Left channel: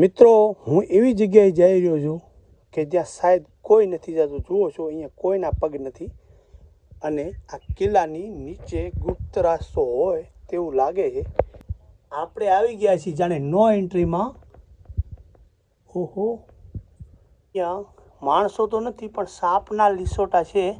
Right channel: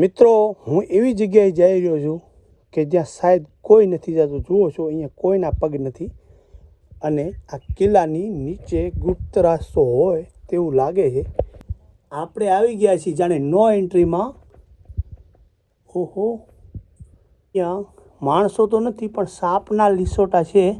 મિત્રો હું એવી જગ્યાએ જઈ રહ્યો છું કે જ્યાં શાયદ કોઈ નથી જતું. જુઓ છો અહીંયા કોઈના પગ નથી અને આ કિલ્લાની નીચે ગુપ્ત રસ્તો હોય તેવું લાગે છે. આપણે આવી ગયા છીએ જાણે નો એન્ટ્રીમાં. ઓહો, ત્યાં માણસો તો નથી પણ સાપના લીસોટા છે.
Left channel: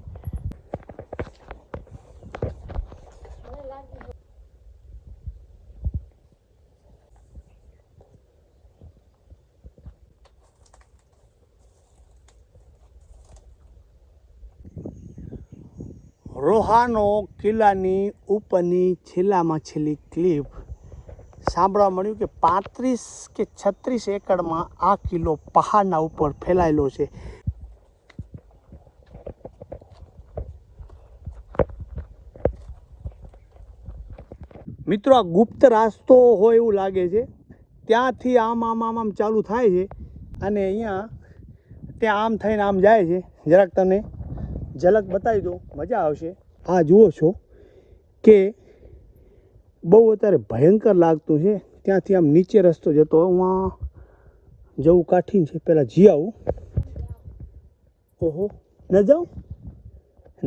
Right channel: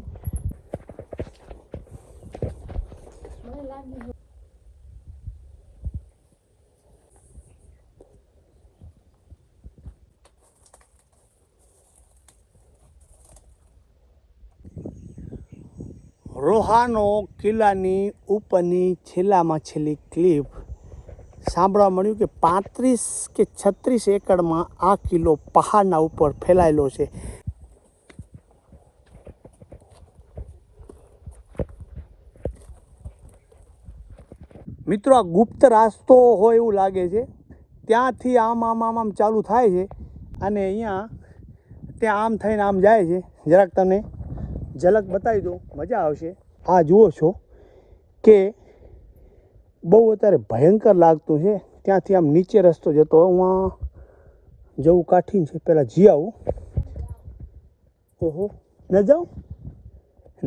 રોહાનો કિલ્લાની ઉપરની છેલ્લામાં છેલ્લી ક્લિપ સાંભળવા મળ્યું કે 35 કે 36 એકડમાં આ કિલ્લો પહાડના ઉપર ફેલાયેલો છે. મિત્રો આ ગુપ્ત રસ્તો હોય એવું લાગે છે. ત્યાંથી આમ આમ આમ આમ ચાલુ થાય છે અને અહીંયા ત્યાં આમ થઈને આમ જાય છે. જરાક તને ઝલક બતાવી દો, મજા આવશે. આ જુઓ છો કે બહુ અત્યારે ભયંકર લાગતું છે. ત્યાંથી આમ નીચે રસ્તો જતો હું જવું કાઠીન છે. પહેલાં જી આવું. ઓહો, ન જાઉં,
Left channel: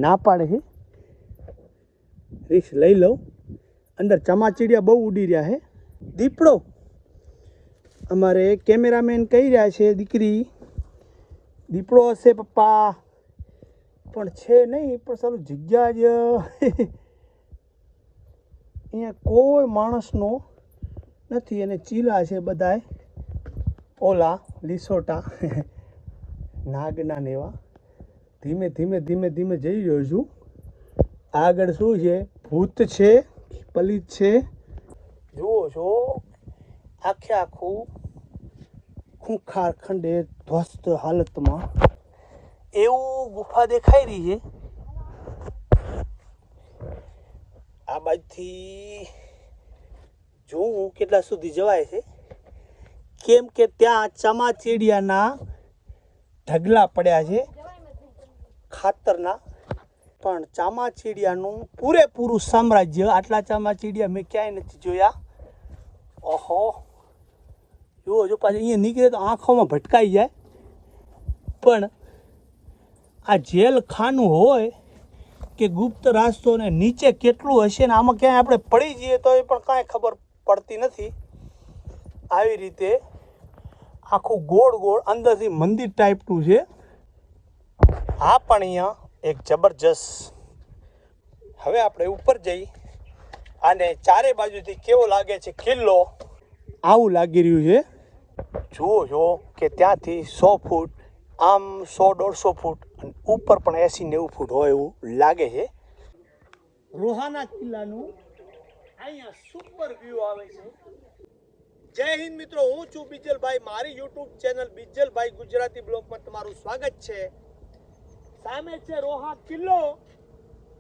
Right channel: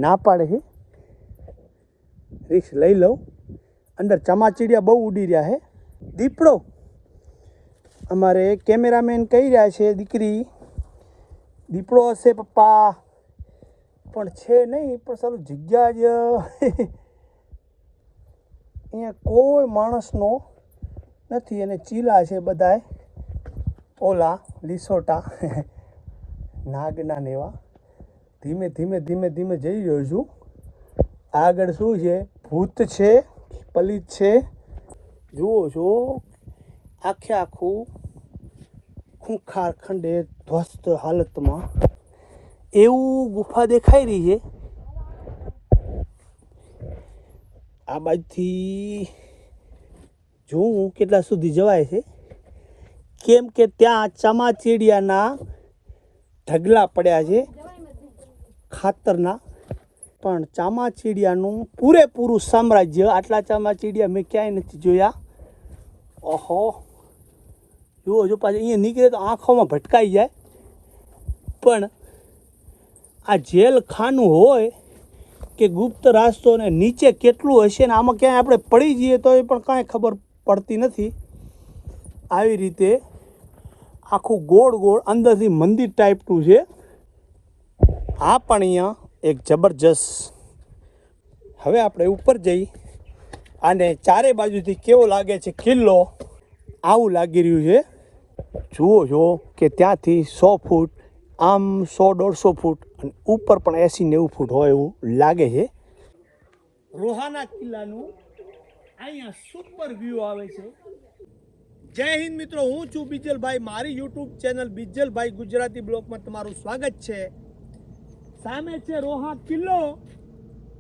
ના પાડે છે. રિક્સ લઈ લઉં. અંદર ચમાચીડિયા બહુ ઉડી રહ્યા છે. દીપડો અમારે કેમેરામેન કહી રહ્યા છે દીકરી દીપડો હશે પપ્પા, પણ છે નહીં. પણ સારું જગ્યા જ અહીંયા કોઈ માણસનો નથી અને ચીલા છે બધાય ઓલા લીસોટા નાગના ને એવા. ધીમે ધીમે ધીમે ધીમે જઈ રહ્યો છું. આગળ શું છે? ભૂત છે, પલિત છે. જુઓ છો આખે આખું ખૂંખાર ખંડે ધ્વસ્ત હાલતમાં એવું ગુફા દેખાઈ રહી છે. આ બાજુથી જોઉં કેટલા સુધી જવાય છે, કેમ કે ત્યાં ચમાચીડિયાના ઢગલા પડ્યા છે ખાતરના. પણ ચામાચીડિયાનું પૂરેપૂરું સામ્રાજ્ય. આટલા ચામાચીડિયા મેં ક્યાંય નથી જોયા. ઓહો, જુઓ જો પાછું અહીંયા નીકળે તો આંખોમાં ભટકાઈ જાય. પણ આ જેલ ખાનું હોય કે ગુપ્ત રસ્તો ને નીચે કેટલું હશે ને આમાં ક્યાંય આપણે પડી જઈએ તો એ પણ કાંઈ ખબર પડતી નથી. આવી રીતે આખું ગોળ ગોળ અંદરથી મંદિર ટાઈપનું છે. આ પણ અહીંયા એક જબરજસ્ત. હવે આપણે ઉપર જઈ અને ચારે બાજુથી કેવો લાગે છે કિલ્લો, આવું લાગી રહ્યું છે. જુઓ છો કે ત્યાંથી 100 ફૂટ, આમ 100-150 ફૂટ અને ઉપર પણ 80-90 ફૂટ હોય એવું લાગે છે. રોહાના કિલ્લાનું અહીંયા સુપર વ્યૂ આવે છે. જય હિન્દ મિત્રો, હું છું બીજલભાઈ. મારી યુટ્યુબ ચેનલ બીજલભાઈ ગુજરાતી બ્લોગમાં તમારું સ્વાગત છે. સામે છે રોહા કિલ્લો.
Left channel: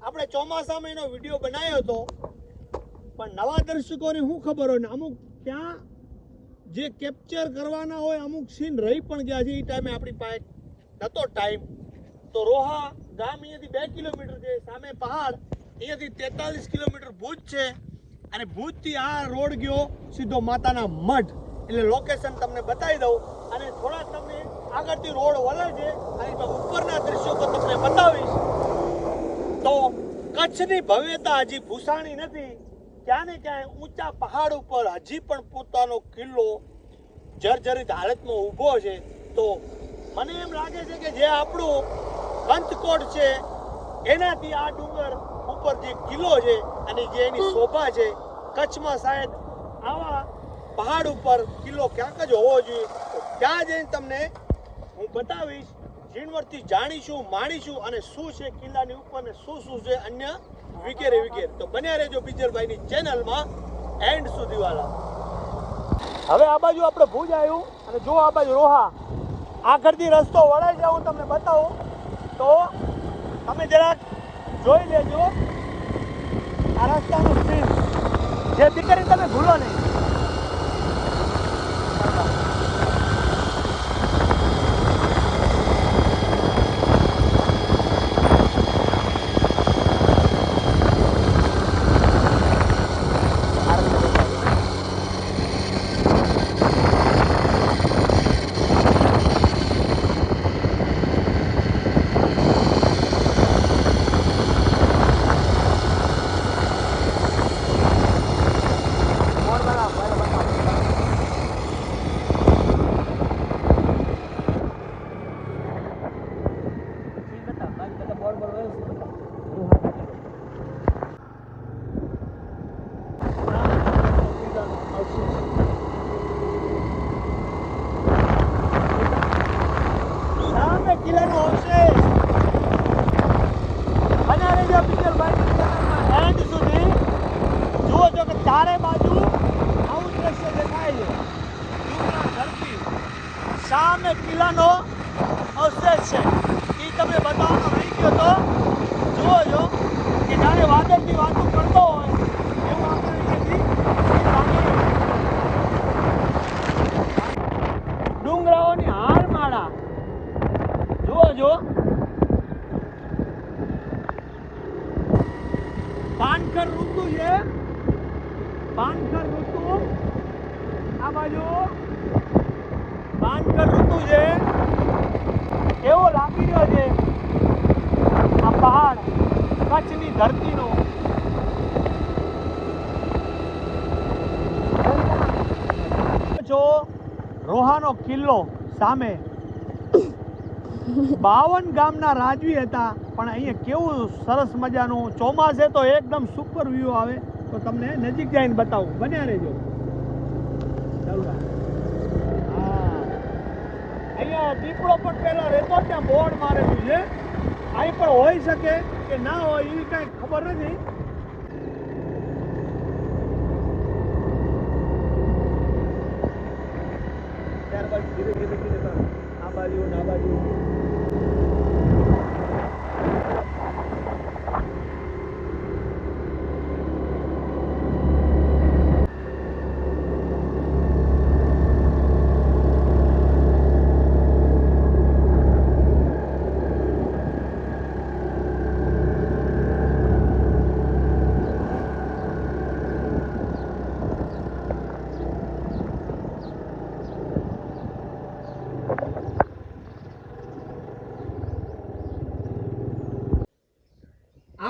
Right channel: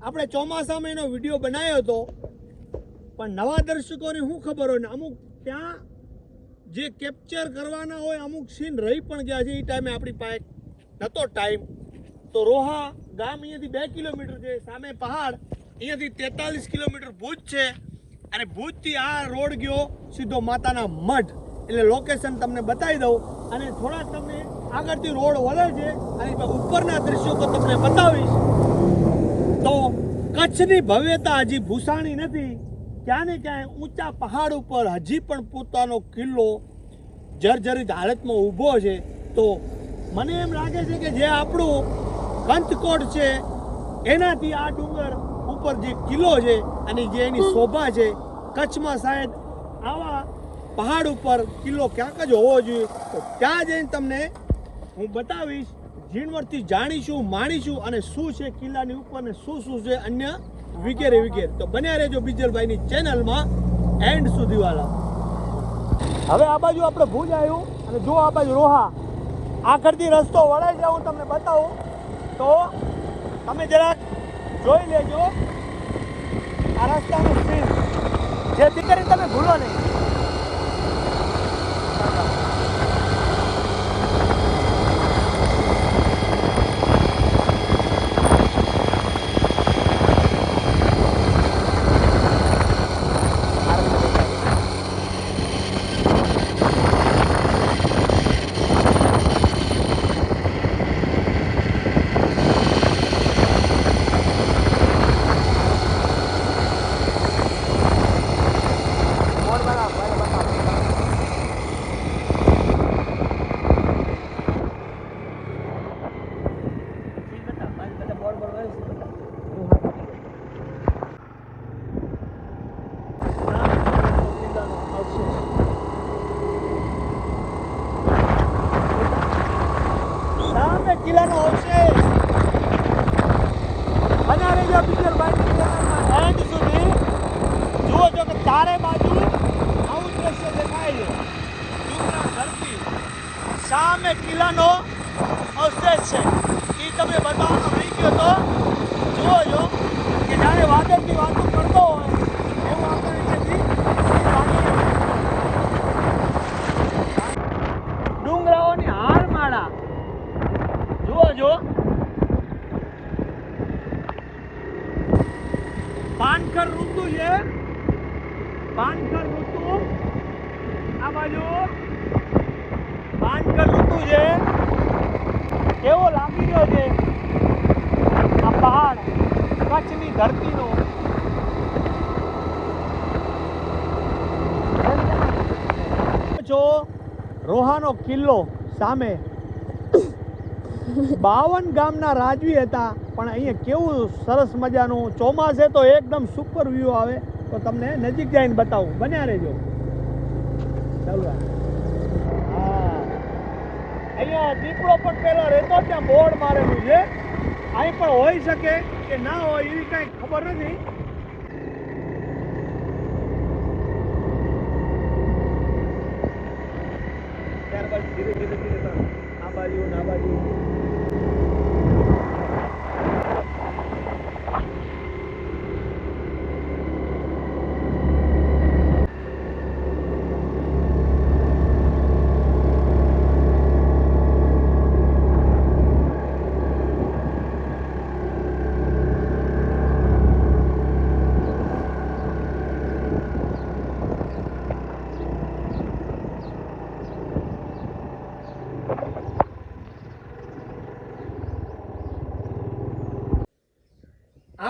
આપણે ચોમાસામાં એનો વિડીયો બનાવ્યો હતો, પણ નવા દર્શકોને શું ખબર હોય ને અમુક ત્યાં જે કેપ્ચર કરવાના હોય અમુક સીન રહી પણ ગયા છે. એ ટાઈમે આપણી પાસે નહોતો ટાઈમ. તો રોહા ગામ અહીંયાથી 2 કિલોમીટર છે. સામે પહાડ, અહીંયાથી 43 કિલોમીટર ભુજ છે. અને ભુજથી આ રોડ ગયો સીધો માતાના મઢ. એટલે લોકેશન તમને બતાવી દઉં અને થોડા તમે આગળથી રોડ વળે છે અને ઉપરના દ્રશ્યો તો તમને બતાવીશ. તો કચ્છની ભવ્યતા હજી ભૂસાણી નથી. ક્યાં ને ક્યાંય ઊંચા પહાડ ઉપર હજી પણ પોતાનો કિલ્લો જર્જરિત હાલતમાં ઊભો છે. તો મને એમ લાગે છે કે જે આપણું કંથકોટ છે એનાથી આ ડુંગર ઉપર જે કિલ્લો છે અને જે એની શોભા છે, કચ્છમાં શાયદ આવા પહાડ ઉપર કિલ્લો ક્યાંક જ હોવો જોઈએ. તો ત્યાં જઈને તમને હું બતાવીશ, ઝીણવટથી જાણીશું, માણીશું અને શું છે કિલ્લાની ઉપર ને શું શું છે અન્ય વગેરે વગેરે. તો બન્યા રહેજો બીજલભાઈની ચેનલમાં એન્ડ સુધી વાળા. હવે આ બાજુ આપણે ભુજ આવ્યું અને જો આ બાજુ રોહા. આખરથી રસ્તો વળાઈ જાય હું તમને બતાવું તો તમે જરાક જોઈ લેજો આ રસ્તાનું સીન, જેથી કરીને તમે ભૂલો નહીં. સામે કિલ્લાનો અવશેષ છે. એ તમે બતાવવાનો રહી ગયો તો જુઓ છો કે જાણે વાદળની વાતો કરતો હોય એવું આપણે અહીંયાથી લાગી ડુંગરાઓની હારમાળા જુઓ છો. પાનખર ઋતુ છે. પાનખર ઋતુ આ બાજુ પાનખર ઋતુ છે. કેવો લાગી રહ્યો છે આ પહાડ કચ્છની ધરતીનો. જો રોહાનો કિલ્લો સામે 52 ગામના રાજવી હતા. પણ અહીંયા કેવું સરસ મજાનું ચોમાસે તો એકદમ સુપર વ્યૂ આવે. તો તમને નજીક જઈને બતાવું, બન્યા રહેજો. ચાલો અહીંયા દીપડો પણ પેલો રહેતો ત્યાં બોર્ડ મારેલું છે. અહીં પણ હોઈ શકે કે ના હોય એવી કઈ ખબર નથી. ત્યારબાદ ધીરે ધીરે ધીરે આ બાજુ ને આ બાજુ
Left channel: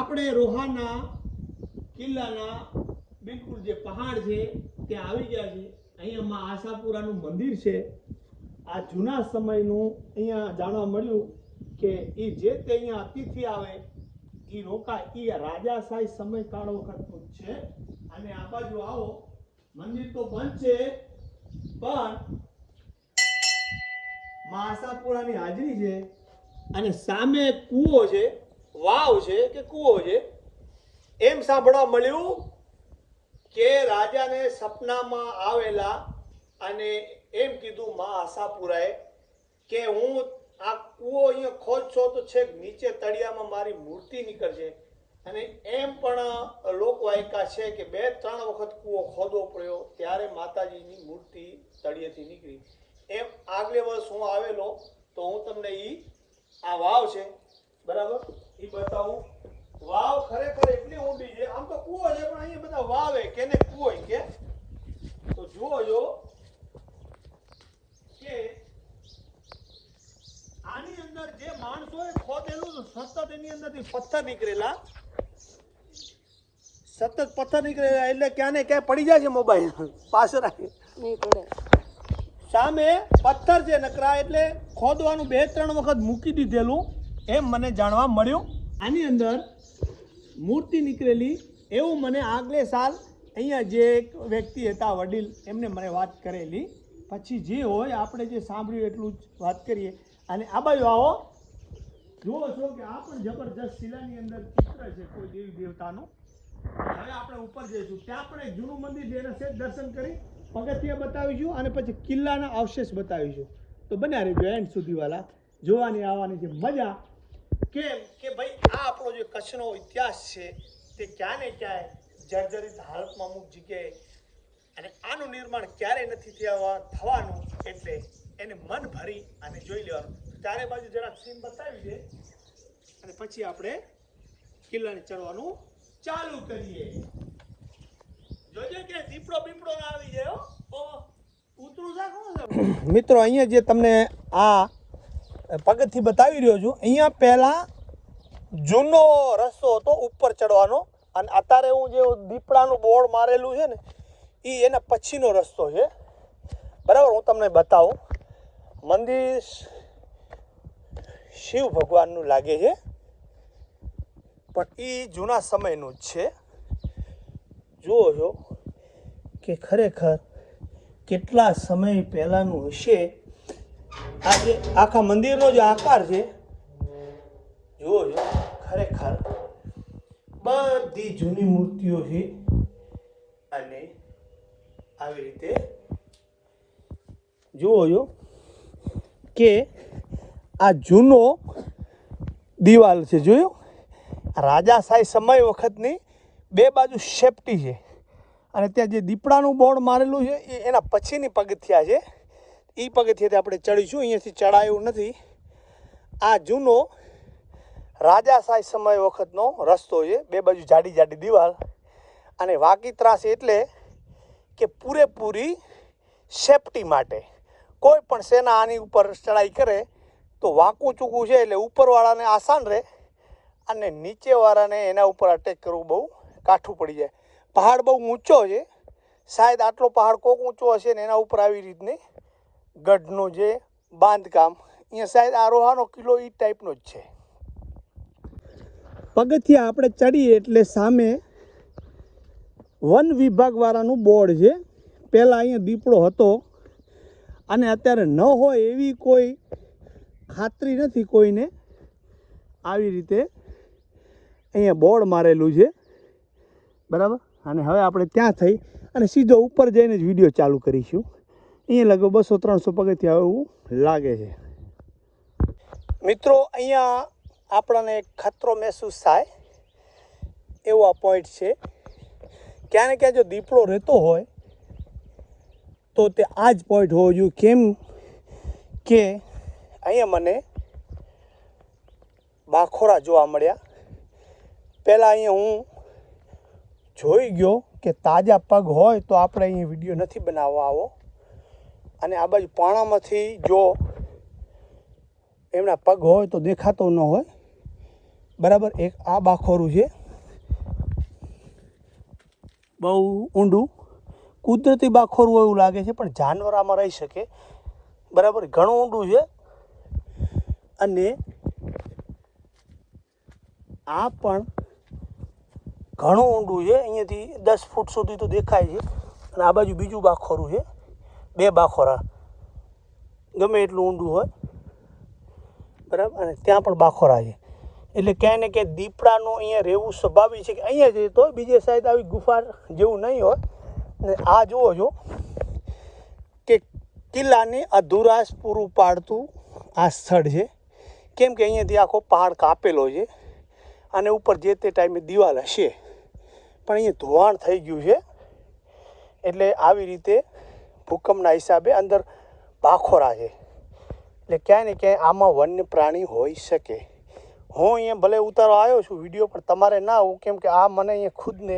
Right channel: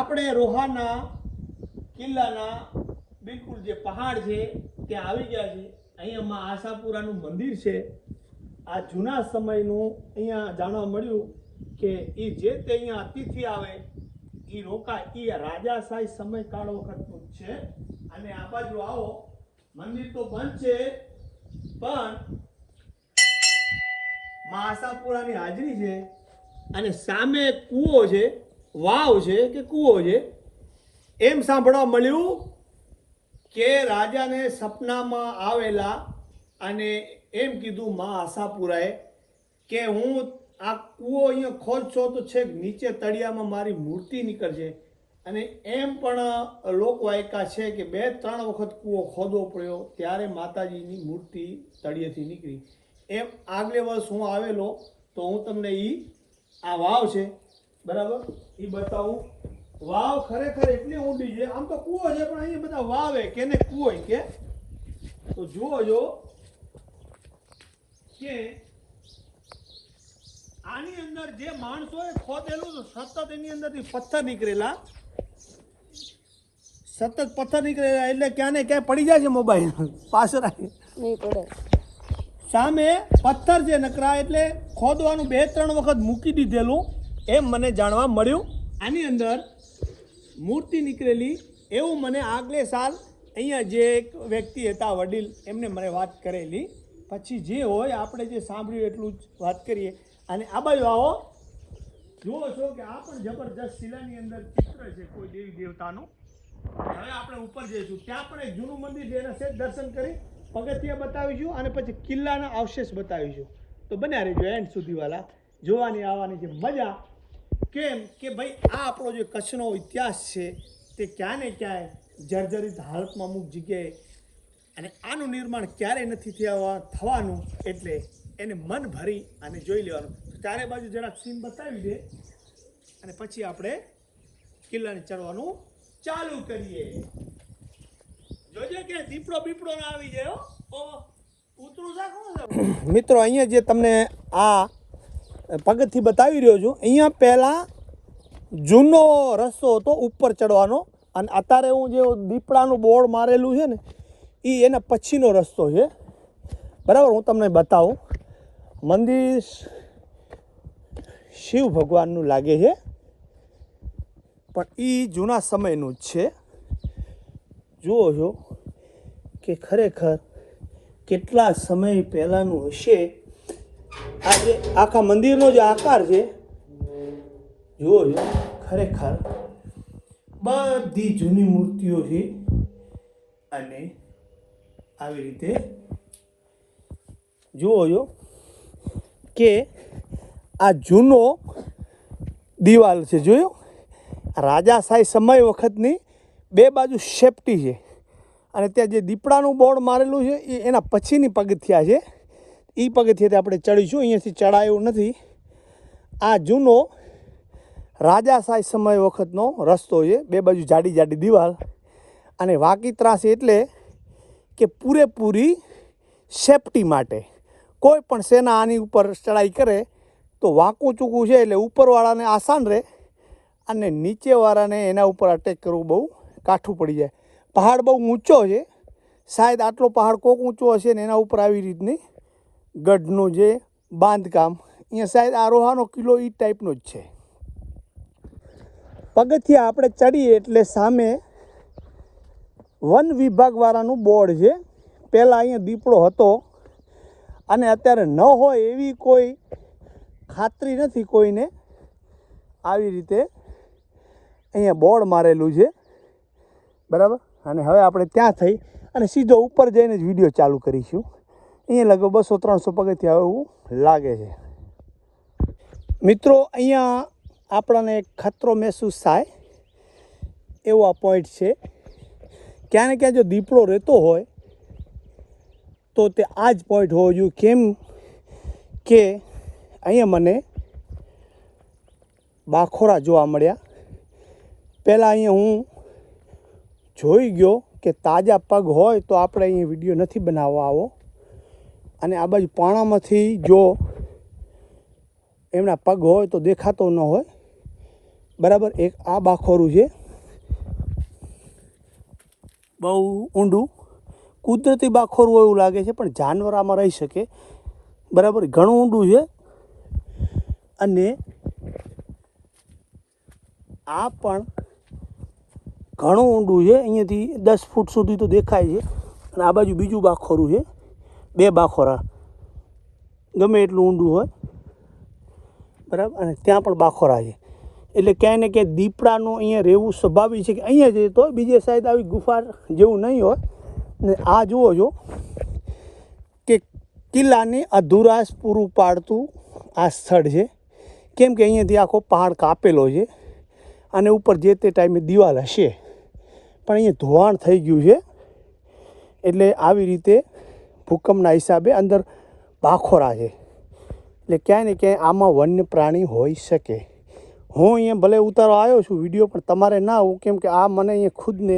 આપણે રોહાના કિલ્લાના બિલકુલ જે પહાડ છે ત્યાં આવી ગયા છે. અહીંયા માં આશાપુરાનું મંદિર છે. આ જૂના સમયનું અહીંયા જાણવા મળ્યું કે એ જે તે અહીંયા અતિથિ આવે એ રોકાય એ રાજાશાહી સમયકાળ વખતનું જ છે. અને આ બાજુ આવો, મંદિર તો બંધ છે પણ માં આશાપુરાની હાજરી છે. અને સામે કૂવો છે, વાવ છે કે કૂવો છે. એમ સાંભળવા મળ્યું કે રાજાને સપનામાં આવેલા અને એમ કીધું માં આશાપુરાએ કે હું આ કૂવો અહીંયા ખોદશો તો છેક નીચે તળિયામાં મારી મૂર્તિ નીકળશે. અને એમ પણ લોકો એકા છે કે 2-3 વખત કૂવો ખોદવો પડ્યો ત્યારે માતાજીની મૂર્તિ તળિયેથી નીકળી. એમ આગલે વર્ષ હું આવેલો તો હું તમને આ વાવ છે બરાબર એ બતાવું. વાવ ખરેખર એટલી ઊંડી છે. આમ તો કૂવો છે પણ અહીંયા બધા વાવે કેને કૂવો કે. તો જુઓ જો કે આની અંદર જે માણસોએ ખોદેલું સતત એની અંદરથી પથ્થર નીકળેલા, સતત પથ્થર નીકળેલા એટલે ક્યાં ને ક્યાં પડી જાય છે મોબાઈલ પાછળ નહીં પડે. સામે પથ્થર છે નકરા એટલે ખોદવાનું 2-3 વખત મૂકી દીધેલું એમ મને જાણવા મળ્યું. આની અંદર મૂર્તિ નીકળેલી એવું મને આગલે સાલ અહીંયા જે એક વ્યક્તિ હતા વડીલ એમને મને વાત કરેલી. પછી જે હોય આપણે જે સાંભળ્યું એટલું જ વાત કરીએ. અને આ બાજુ આવો, જુઓ છો કે આ પણ જબરજસ્ત શિલાની અંદર ચિત્ર છે કોઈ દેવી દેવતાનું. હવે આપણે ઉપર જઈશું, ત્યાં પણ એક જૂનું મંદિર છે એના સેજ દર્શન કરી પગથિયા બતાવીશું અને પછી કિલ્લાના અવશેષ બતાવીશું. તો બન્યા રહેજો એન્ડ સુધી વાલા, જોવાની આવવાની છે મજા. કેમ કે ભાઈ આ આપણો જે કચ્છનો ઇતિહાસ છે તે ક્યાં ને ક્યાંય જર્જરિત હાલતમાં અમુક જગ્યાએ, અને આનું નિર્માણ ક્યારેય નથી થવાનું એટલે એને મન ભરી અને જોઈ લેવાનું. ચારે બાજુ જરાક સીન બતાવી દે અને પછી આપણે કિલ્લાને ચડવાનું ચાલુ કરીએ. જોજો કે દીપડો બીપડો ના આવી જાય. મિત્રો અહીંયા જે તમને આ પગથિ બતાવી રહ્યો છું, અહીંયા પહેલાં જૂનો રસ્તો હતો ઉપર ચડવાનો અને અત્યારે હું જે દીપડાનું બોર્ડ મારેલું છે ને એ એના પછીનો રસ્તો છે બરાબર. હું તમને બતાવું. મંદિર શિવ ભગવાનનું લાગે છે પણ એ જૂના સમયનું જ છે. જુઓ છો કે ખરેખર કેટલા સમય પહેલાંનું હશે. આ જે આખા મંદિરનો જે આકાર છે જુઓ છો, ખરેખર બધી જૂની મૂર્તિઓ છે અને આવી રીતે જુઓ છો કે આ જૂનો દિવાલ છે, જોયું? રાજાશાહી સમય વખતની બે બાજુ સેફટી છે. અને ત્યાં જે દીપડાનું બોર્ડ મારેલું છે એ એના પછીની પગથિયા છે. એ પગથિયાથી આપણે ચડીશું, અહીંયાથી ચડાયું નથી. આ જૂનો રાજાશાહી સમય વખતનો રસ્તો છે, બે બાજુ જાડી જાડી દિવાલ અને વાંકી ત્રાસી, એટલે કે પૂરેપૂરી સેફટી માટે. કોઈ પણ સેના આની ઉપર ચડાઈ કરે તો વાંકું ચૂકું છે એટલે ઉપરવાળાને આસાન રહે અને નીચેવાળાને એના ઉપર અટેક કરવું બહુ કાઠું પડી જાય. પહાડ બહુ ઊંચો છે, શાયદ આટલો પહાડ કોક ઊંચો હશે ને એના ઉપર આવી રીતની ગઢનું જે બાંધકામ, અહીંયા શાયદ આરોહાનો કિલ્લો એ ટાઈપનો જ છે. પગથિયા આપણે ચડીએ એટલે સામે વન વિભાગવાળાનું બોર્ડ છે. પહેલાં અહીંયા દીપડો હતો અને અત્યારે ન હોય એવી કોઈ ખાતરી નથી કોઈને. આવી રીતે અહીંયા બોર્ડ મારેલું છે, બરાબર. અને હવે આપણે ત્યાં થઈ અને સીધો ઉપર જઈને જ વિડીયો ચાલુ કરીશું. અહીંયા લગભગ 200-300 પગથિયા એવું લાગે છે. મિત્રો, અહીંયા આપણને ખતરો મહેસૂસ થાય એવો આ પોઈન્ટ છે. ક્યાં ને ક્યાં જો દીપડો રહેતો હોય તો તે આ જ પોઈન્ટ હોવો જોઈએ. કેમ કે અહીંયા મને બાખોરા જોવા મળ્યા. પહેલાં અહીંયા હું જોઈ ગયો કે તાજા પગ હોય તો આપણે અહીંયા વિડીયો નથી બનાવવા આવો. અને આ બાજુ પાણામાંથી જો એમના પગ હોય તો દેખાતો ન હોય, બરાબર. એક આ બાખોરું છે, બહુ ઊંડું કુદરતી બાખોરું એવું લાગે છે, પણ જાનવર આમાં રહી શકે, બરાબર. ઘણું ઊંડું છે. અને આ પણ ઘણું ઊંડું છે, અહીંયાથી 10 ફૂટ સુધી તો દેખાય છે. અને આ બાજુ બીજું બાખોરું છે, બે બાખોરા, ગમે એટલું ઊંડું હોય, બરાબર. અને ત્યાં પણ બાખોરા છે. એટલે ક્યાંય ને ક્યાંય દીપડાનું અહીંયા રહેવું સ્વાભાવિક છે. કે અહીંયા જઈએ તો બીજે સાઈડ આવી ગુફા જેવું નહીં હોય. ને આ જુઓ છો કે કિલ્લાની અધૂરાશ પૂરું પાડતું આ સ્થળ છે. કેમ કે અહીંયાથી આખો પહાડ કાપેલો છે અને ઉપર જે તે ટાઈમે દિવાલ હશે, પણ અહીંયા ધોવાણ થઈ ગયું છે. એટલે આવી રીતે ભૂકંપના હિસાબે અંદર બાખોરા છે. એટલે ક્યાંય ને ક્યાંય આમાં વન્ય પ્રાણી હોઈ શકે. હું અહીંયા ભલે ઉતારવા આવ્યો છું વિડીયો, પણ તમારે ના આવું, કેમ કે આ મને અહીંયા ખુદને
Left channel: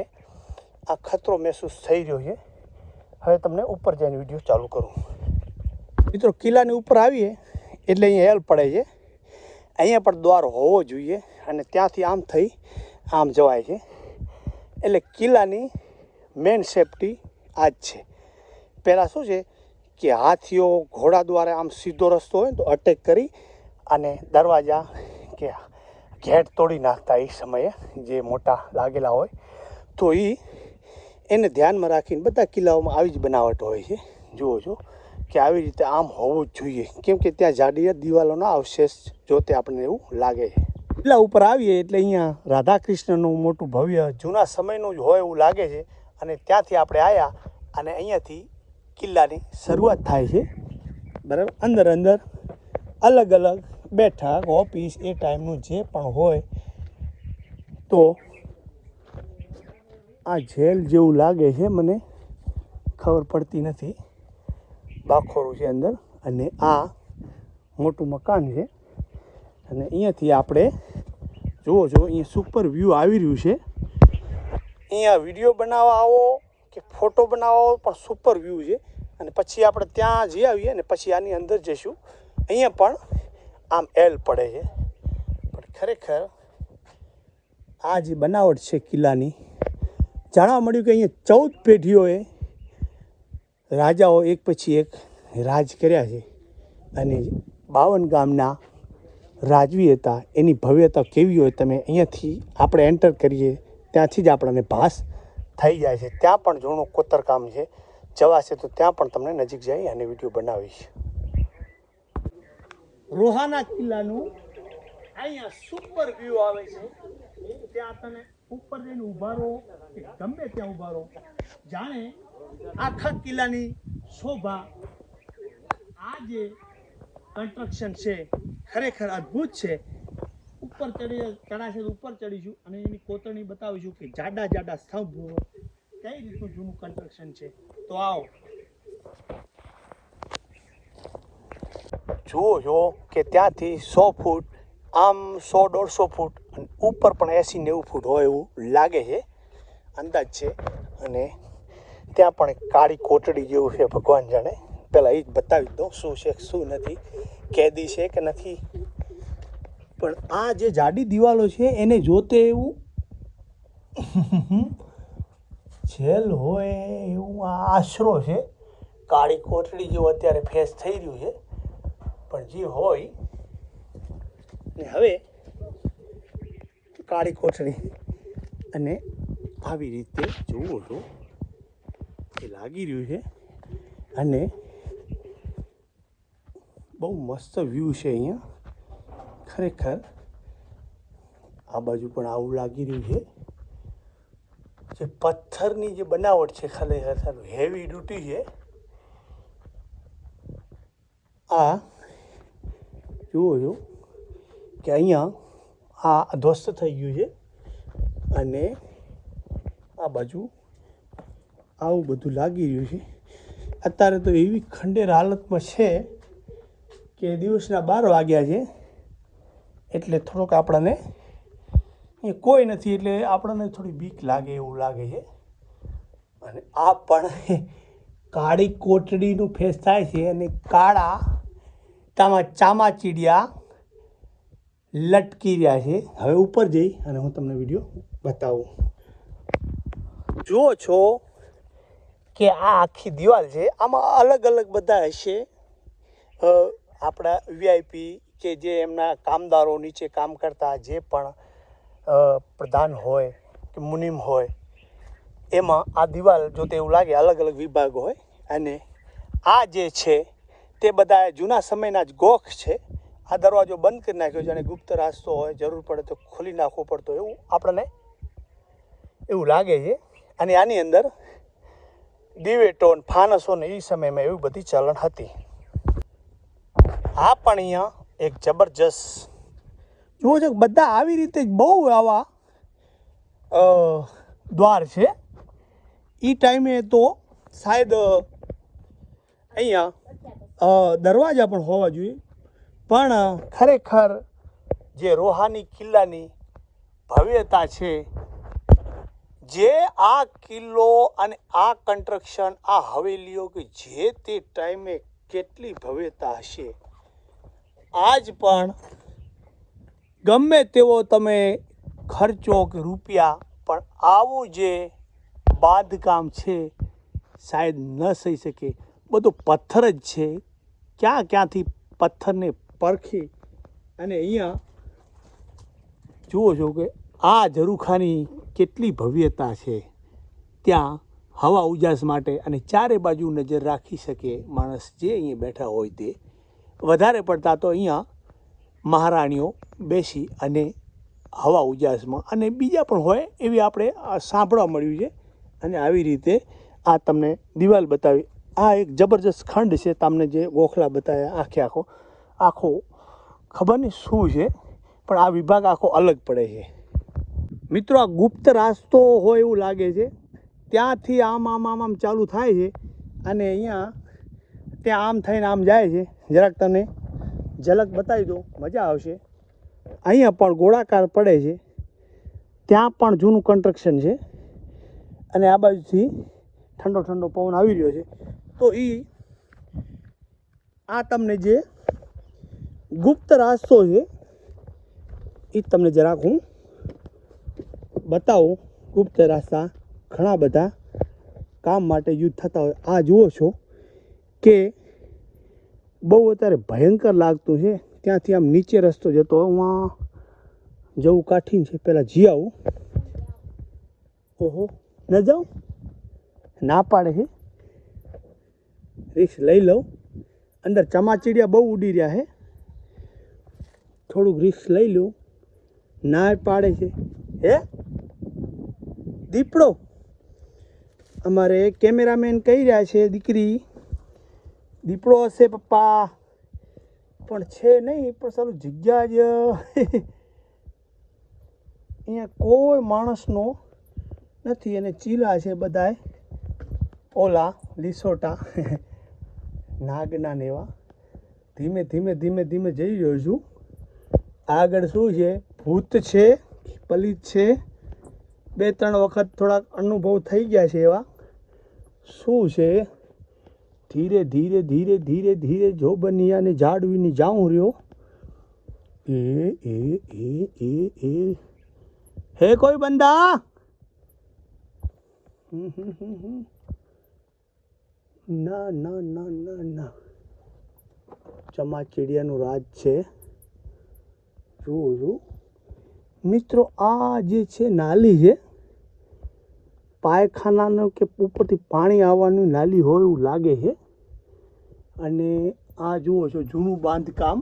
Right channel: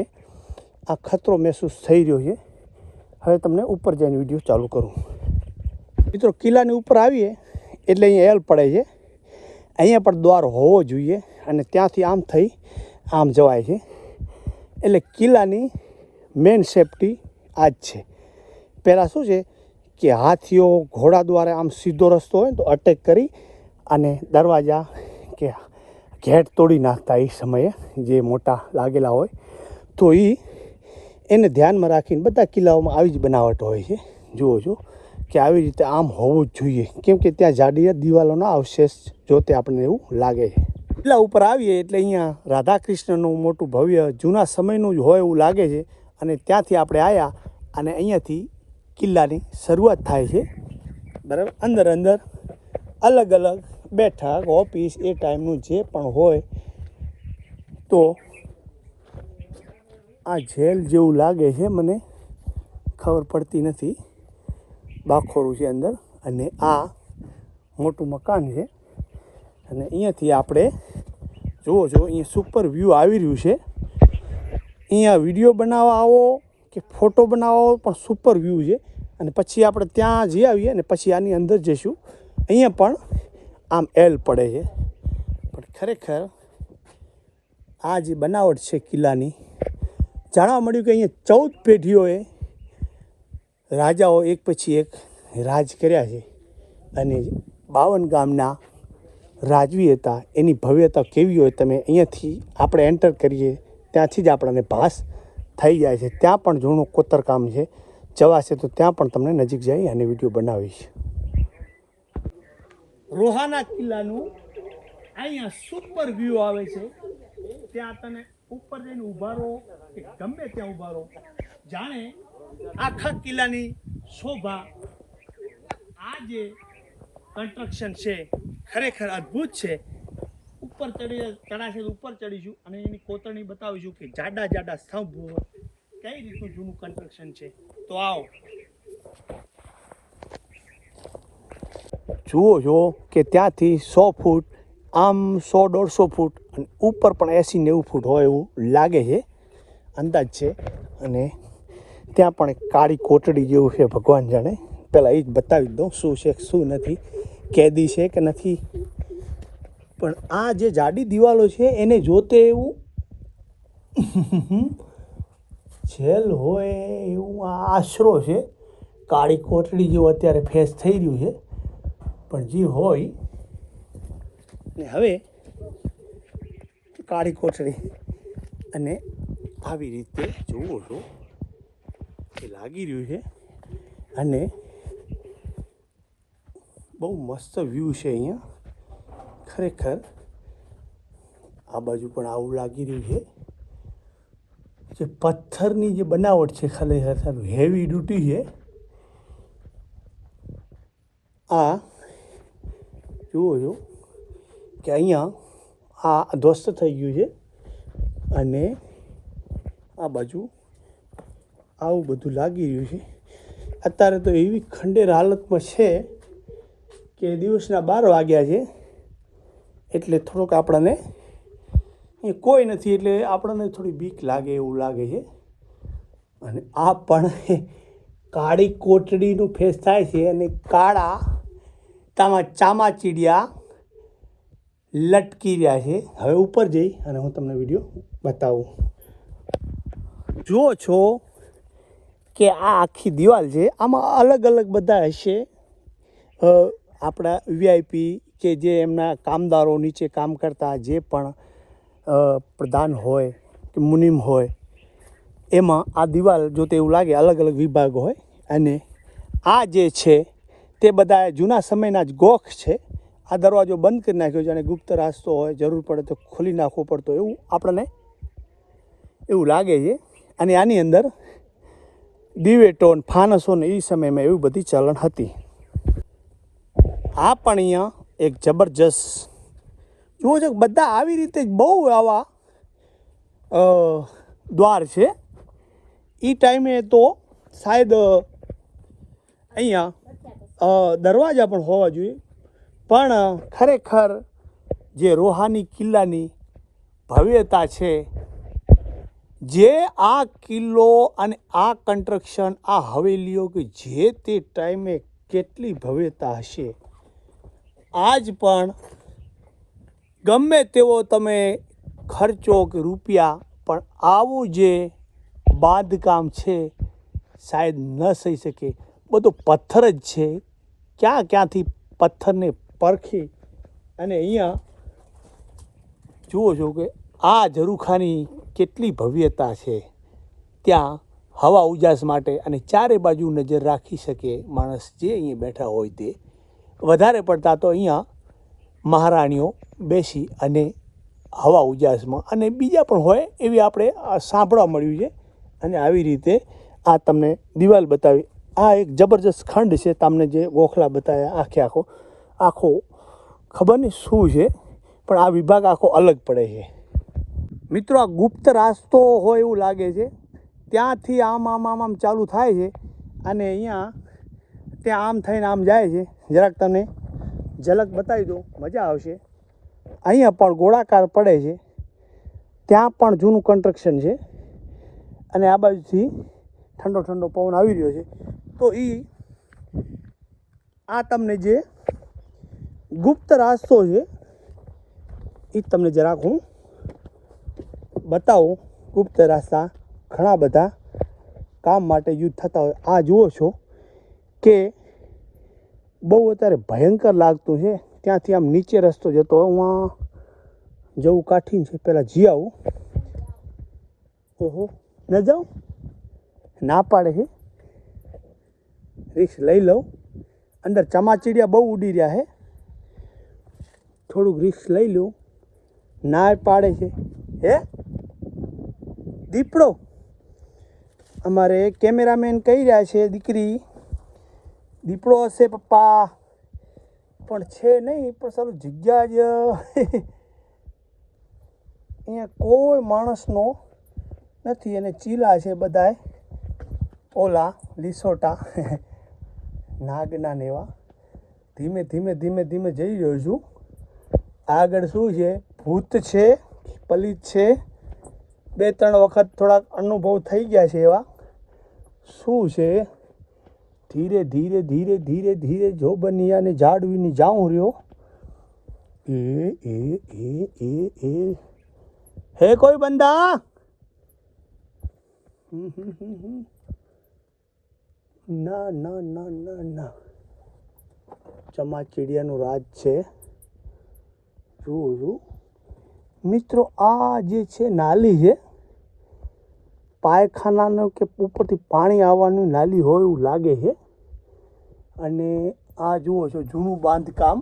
આ ખતરો મહેસૂસ થઈ રહ્યો છે. હવે તમને ઉપર જઈને વિડીયો ચાલુ કરું. મિત્રો, કિલ્લાની ઉપર આવીએ એટલે અહીંયા હેલ પડે છે. અહીંયા પણ દ્વાર હોવો જોઈએ અને ત્યાંથી આમ થઈ આમ જવાય છે. એટલે કિલ્લાની મેન સેફટી આ જ છે. પહેલાં શું છે કે હાથીઓ ઘોડા દ્વારા આમ સીધો રસ્તો હોય તો અટેક કરી અને દરવાજા કે ગેટ તોડી નાખતા એ સમયે જે મોટા લાગેલા હોય. તો એને ધ્યાનમાં રાખીને બધા કિલ્લાઓમાં આવી જ બનાવટ હોય છે. જુઓ છો કે આવી રીતે આમ હોવું જ જોઈએ, કેમ કે ત્યાં જાડી દિવાલોના અવશેષ જોતે આપણને એવું લાગે છે. કિલ્લા ઉપર આવીએ એટલે અહીંયા રાધા કૃષ્ણનું મોટું ભવ્ય જૂના સમયનું જ હોય એવું લાગે છે. અને ત્યાંથી આપણે આવ્યા અને અહીંયાથી કિલ્લાની શરૂઆત થાય છે, બરાબર. અંદર અલગ અલગ બેઠક, ઓફિસ, એ ટાઈમનું જે પણ હોય. તો આ જેલ જેવું લાગે છે, મને ખબર પડતી નથી. બાખોરું છે અંદર અને આ મોટું મકાન છે. અને અહીંયાથી આપણે જુઓ છો અહીંયા સુપર વ્યૂ આવી રહ્યું છે. અહીંયા વિડીયો બનાવવા આવો કે ફોટો બનાવવા આવો પણ સુપર વ્યૂ છે. અને પછી આપણે ત્યાં જઈ આવીએ અને પછી આની અંદર જઈશું. અહીંયા પણ આમ એલ પડે છે, પણ ખરેખર આ જે બનાવટ છે કિલ્લાની, જાણવા મળ્યું કે અહીંયા 14 પેઢીઓએ રાજાઓ એક પછી એક રાજ કર્યા છે. અને 52 ગામના રાજવી હતા. એની ભવ્યતા કેવી હોય તમે અહીંયાથી આપણે એન્ટર કરીએ ત્યાંથી જ આપણને ભાસ થઈ જાય છે. ત્યાં પણ જૂનું કોતરકામ છે, જવાશે તો ત્યાં પણ તમને નજીક જઈ અને વિડીયો બનાવીશ. રોહાના કિલ્લાનું અહીંયા સુપર વ્યૂ આવે છે. ત્યાં તમે ઉપર જઈને ઊભા રહો કે ગમે ત્યાં ઊભા રહો, જાણે આખા કિલ્લાની શોભા આ જે કન્સ્ટ્રક્શન છે ખરેખર અદ્ભુત છે. ઉપર ચડાશે તો ઉપર ચડીશું અને એની કોતરણી બતાવીશું કે જાડા જાડા સ્તંભ કઈ રીતનું જૂનું કન્સ્ટ્રક્શન છે. તો આવો જુઓ છો કે ત્યાંથી 100 ફૂટ આમ 100-150 ફૂટ અને ઉપર પણ 80-90 ફૂટ હોય એવું લાગે છે, અંદાજ છે. અને ત્યાં પણ એક કાળી કોટડી જેવું છે, ભગવાન જાણે. પહેલાં એ જ બતાવી દઉં શું છે શું નથી, કેદી છે કે નથી. પણ આ જે જાડી દિવાલો છે એને જોતે એવું જેલ હોય એવું આ આશરો છે. કાળી કોટડી જેવું અત્યારે ફેસ થઈ રહ્યું છે, પણ જે હોય ને હવે કાળી કોટડી અને આવી રીતે જુઓ છો એ લાગી રહ્યું છે. અને બહુ મસ્ત વ્યૂ છે અહીંયા ખરેખર. આ બાજુ પણ આવું લાગી રહ્યું છે. જે પથ્થરની જે બનાવટ છે ખરેખર હેવી ડ્યુટી છે. આ જુઓ છો કે અહીંયા આ ધ્વસ્ત થઈ ગયું છે અને આ બાજુ આવું બધું લાગી રહ્યું છે. અત્યારે તો એવી ખંડેર હાલતમાં છે કે દિવસના 12 વાગ્યા છે, એટલે થોડુંક આપણને કોઈ નથી એટલે આપણને થોડી બીક લાગે એવું લાગે છે. અને આ પણ કાળી કોટડીનું ફેસ થાય છે અને કાળા ચામાચીડિયા લટકી રહ્યા છે. હવે ઉપર જઈ અને હું તમને વિડીયો બતાવું. જુઓ છો કે આ આખી દિવાલ છે, આમાં અલગ અલગ બધા હશે આપણા વીઆઈપી કે જે એમના કામદારો નીચે કામ કરતા જે પણ પ્રધાન હોય કે મુનિમ હોય, એમાં આ દિવાલ જોતે એવું લાગે અલગ અલગ વિભાગ હોય. અને આ જે છે તે બધા જૂના સમયના જ ગોખ છે. આ દરવાજો બંધ કરી નાખ્યો છે અને ગુપ્ત રાસ્તો હોય, જરૂર પડે તો ખોલી નાખવો પડતો એવું આપણને એવું લાગે છે. અને આની અંદર દિવેટો ફાનસો ને એ સમયમાં એવી બધી ચલણ હતી. આ પણ અહીંયા એક જબરજસ્ત જુઓ છો બધા આવી રીતે બહુ આવા દ્વાર છે. એ ટાઈમે તો શાયદ અહીંયા દરવાજા પણ હોવા જોઈએ, પણ ખરેખર જે રોહાની કિલ્લાની ભવ્યતા છે, જે આ કિલ્લો અને આ કન્સ્ટ્રક્શન આ હવેલીઓ કે જે તે ટાઈમે કેટલી ભવ્યતા હશે, આજ પણ ગમે તેવો તમે ખર્ચો કે રૂપિયા પણ આવું જે બાંધકામ છે શાયદ ન થઈ શકે. બધું પથ્થર જ છે, ક્યાંથી પથ્થરને પરખી અને અહીંયા જુઓ છો કે આ ઝરૂખાની કેટલી ભવ્યતા છે. ત્યાં હવા ઉજાસ માટે અને ચારે બાજુ નજર રાખી શકે માણસ જે અહીંયા બેઠા હોય તે. વધારે પડતા તો અહીંયા મહારાણીઓ બેસી અને હવા ઉજાસમાં અને બીજા પણ હોય એવી આપણે સાંભળવા મળ્યું છે. અને આવી રીતે આ તમને દિવાલ બતાવી. આ એક જબરજસ્ત ખંડ છે, તમને જે ગોખલા બતાવ્યા આખો ખબર નહીં શું છે, પણ આ વિભાગ આખો અલગ પડે છે. મિત્રો આ ગુપ્ત રાસ્તો હોય એવું લાગે છે. ત્યાંથી આમ ચાલુ થાય છે અને અહીંયા ત્યાં આમ થઈને આમ જાય છે. જરાક તને ઝલક બતાવી દો, મજા આવશે. અહીંયા પણ ગોળાકાર પડે છે, ત્યાં પણ જૂનું કન્સ્ટ્રક્શન છે અને આ બાજુથી ઠંડો ઠંડો પવન આવી રહ્યો છે. તો આ તમને જે ગુપ્ત રાસ્તો છે એ તમને જરાક હું બતાવું. ગુપ્ત રસ્તા ઘણા બધા કામ માટે યુઝ થતા હોય. આ જુઓ છો કે બહુ અત્યારે ભયંકર લાગતું છે. ત્યાંથી આમ નીચે રસ્તો જતો હું જવું કાઠીન છે. પહેલાં જી આવું. ઓહો ન જાઉં, ના પાડે છે. રિસ્ક લઈ લઉં. અંદર ચમાચીડિયા બહુ ઉડી રહ્યા છે, થોડુંક રિસ્ક લઈ લઉં. ના પાડે છે. હે દીપડો, અમારે કેમેરામેન કહી રહ્યા છે દીકરી દીપડો હશે પપ્પા. પણ છે નહીં, પણ સારું જગ્યા જ અહીંયા કોઈ માણસનો નથી. અને ચીલા છે બધાય ઓલા લીસોટા નાગના ને એવા. ધીમે ધીમે ધીમે ધીમે જઈ રહ્યો છું. આગળ શું છે? ભૂત છે, પલિત છે. 2-3 વખત થોડાક અનુભવ થઈ ગયા છે એવા. શું છે? ધીરે ધીરે ધીરે ધીરે ધીરે જો બનિયાને જાળવીને જાઉં રહ્યો. એ હે કોઈ બંદા? ના ના ના ના ના. ચમાચીડિયાનું રાજ છે. જુઓ મિત્રો, આ જે છે નાલી છે, પાયખાનાનું કે ઉપરથી પાણી આવવાનું નાલી હોય એવું લાગે છે. અને આ જુઓ છો જૂનું બાંધકામ,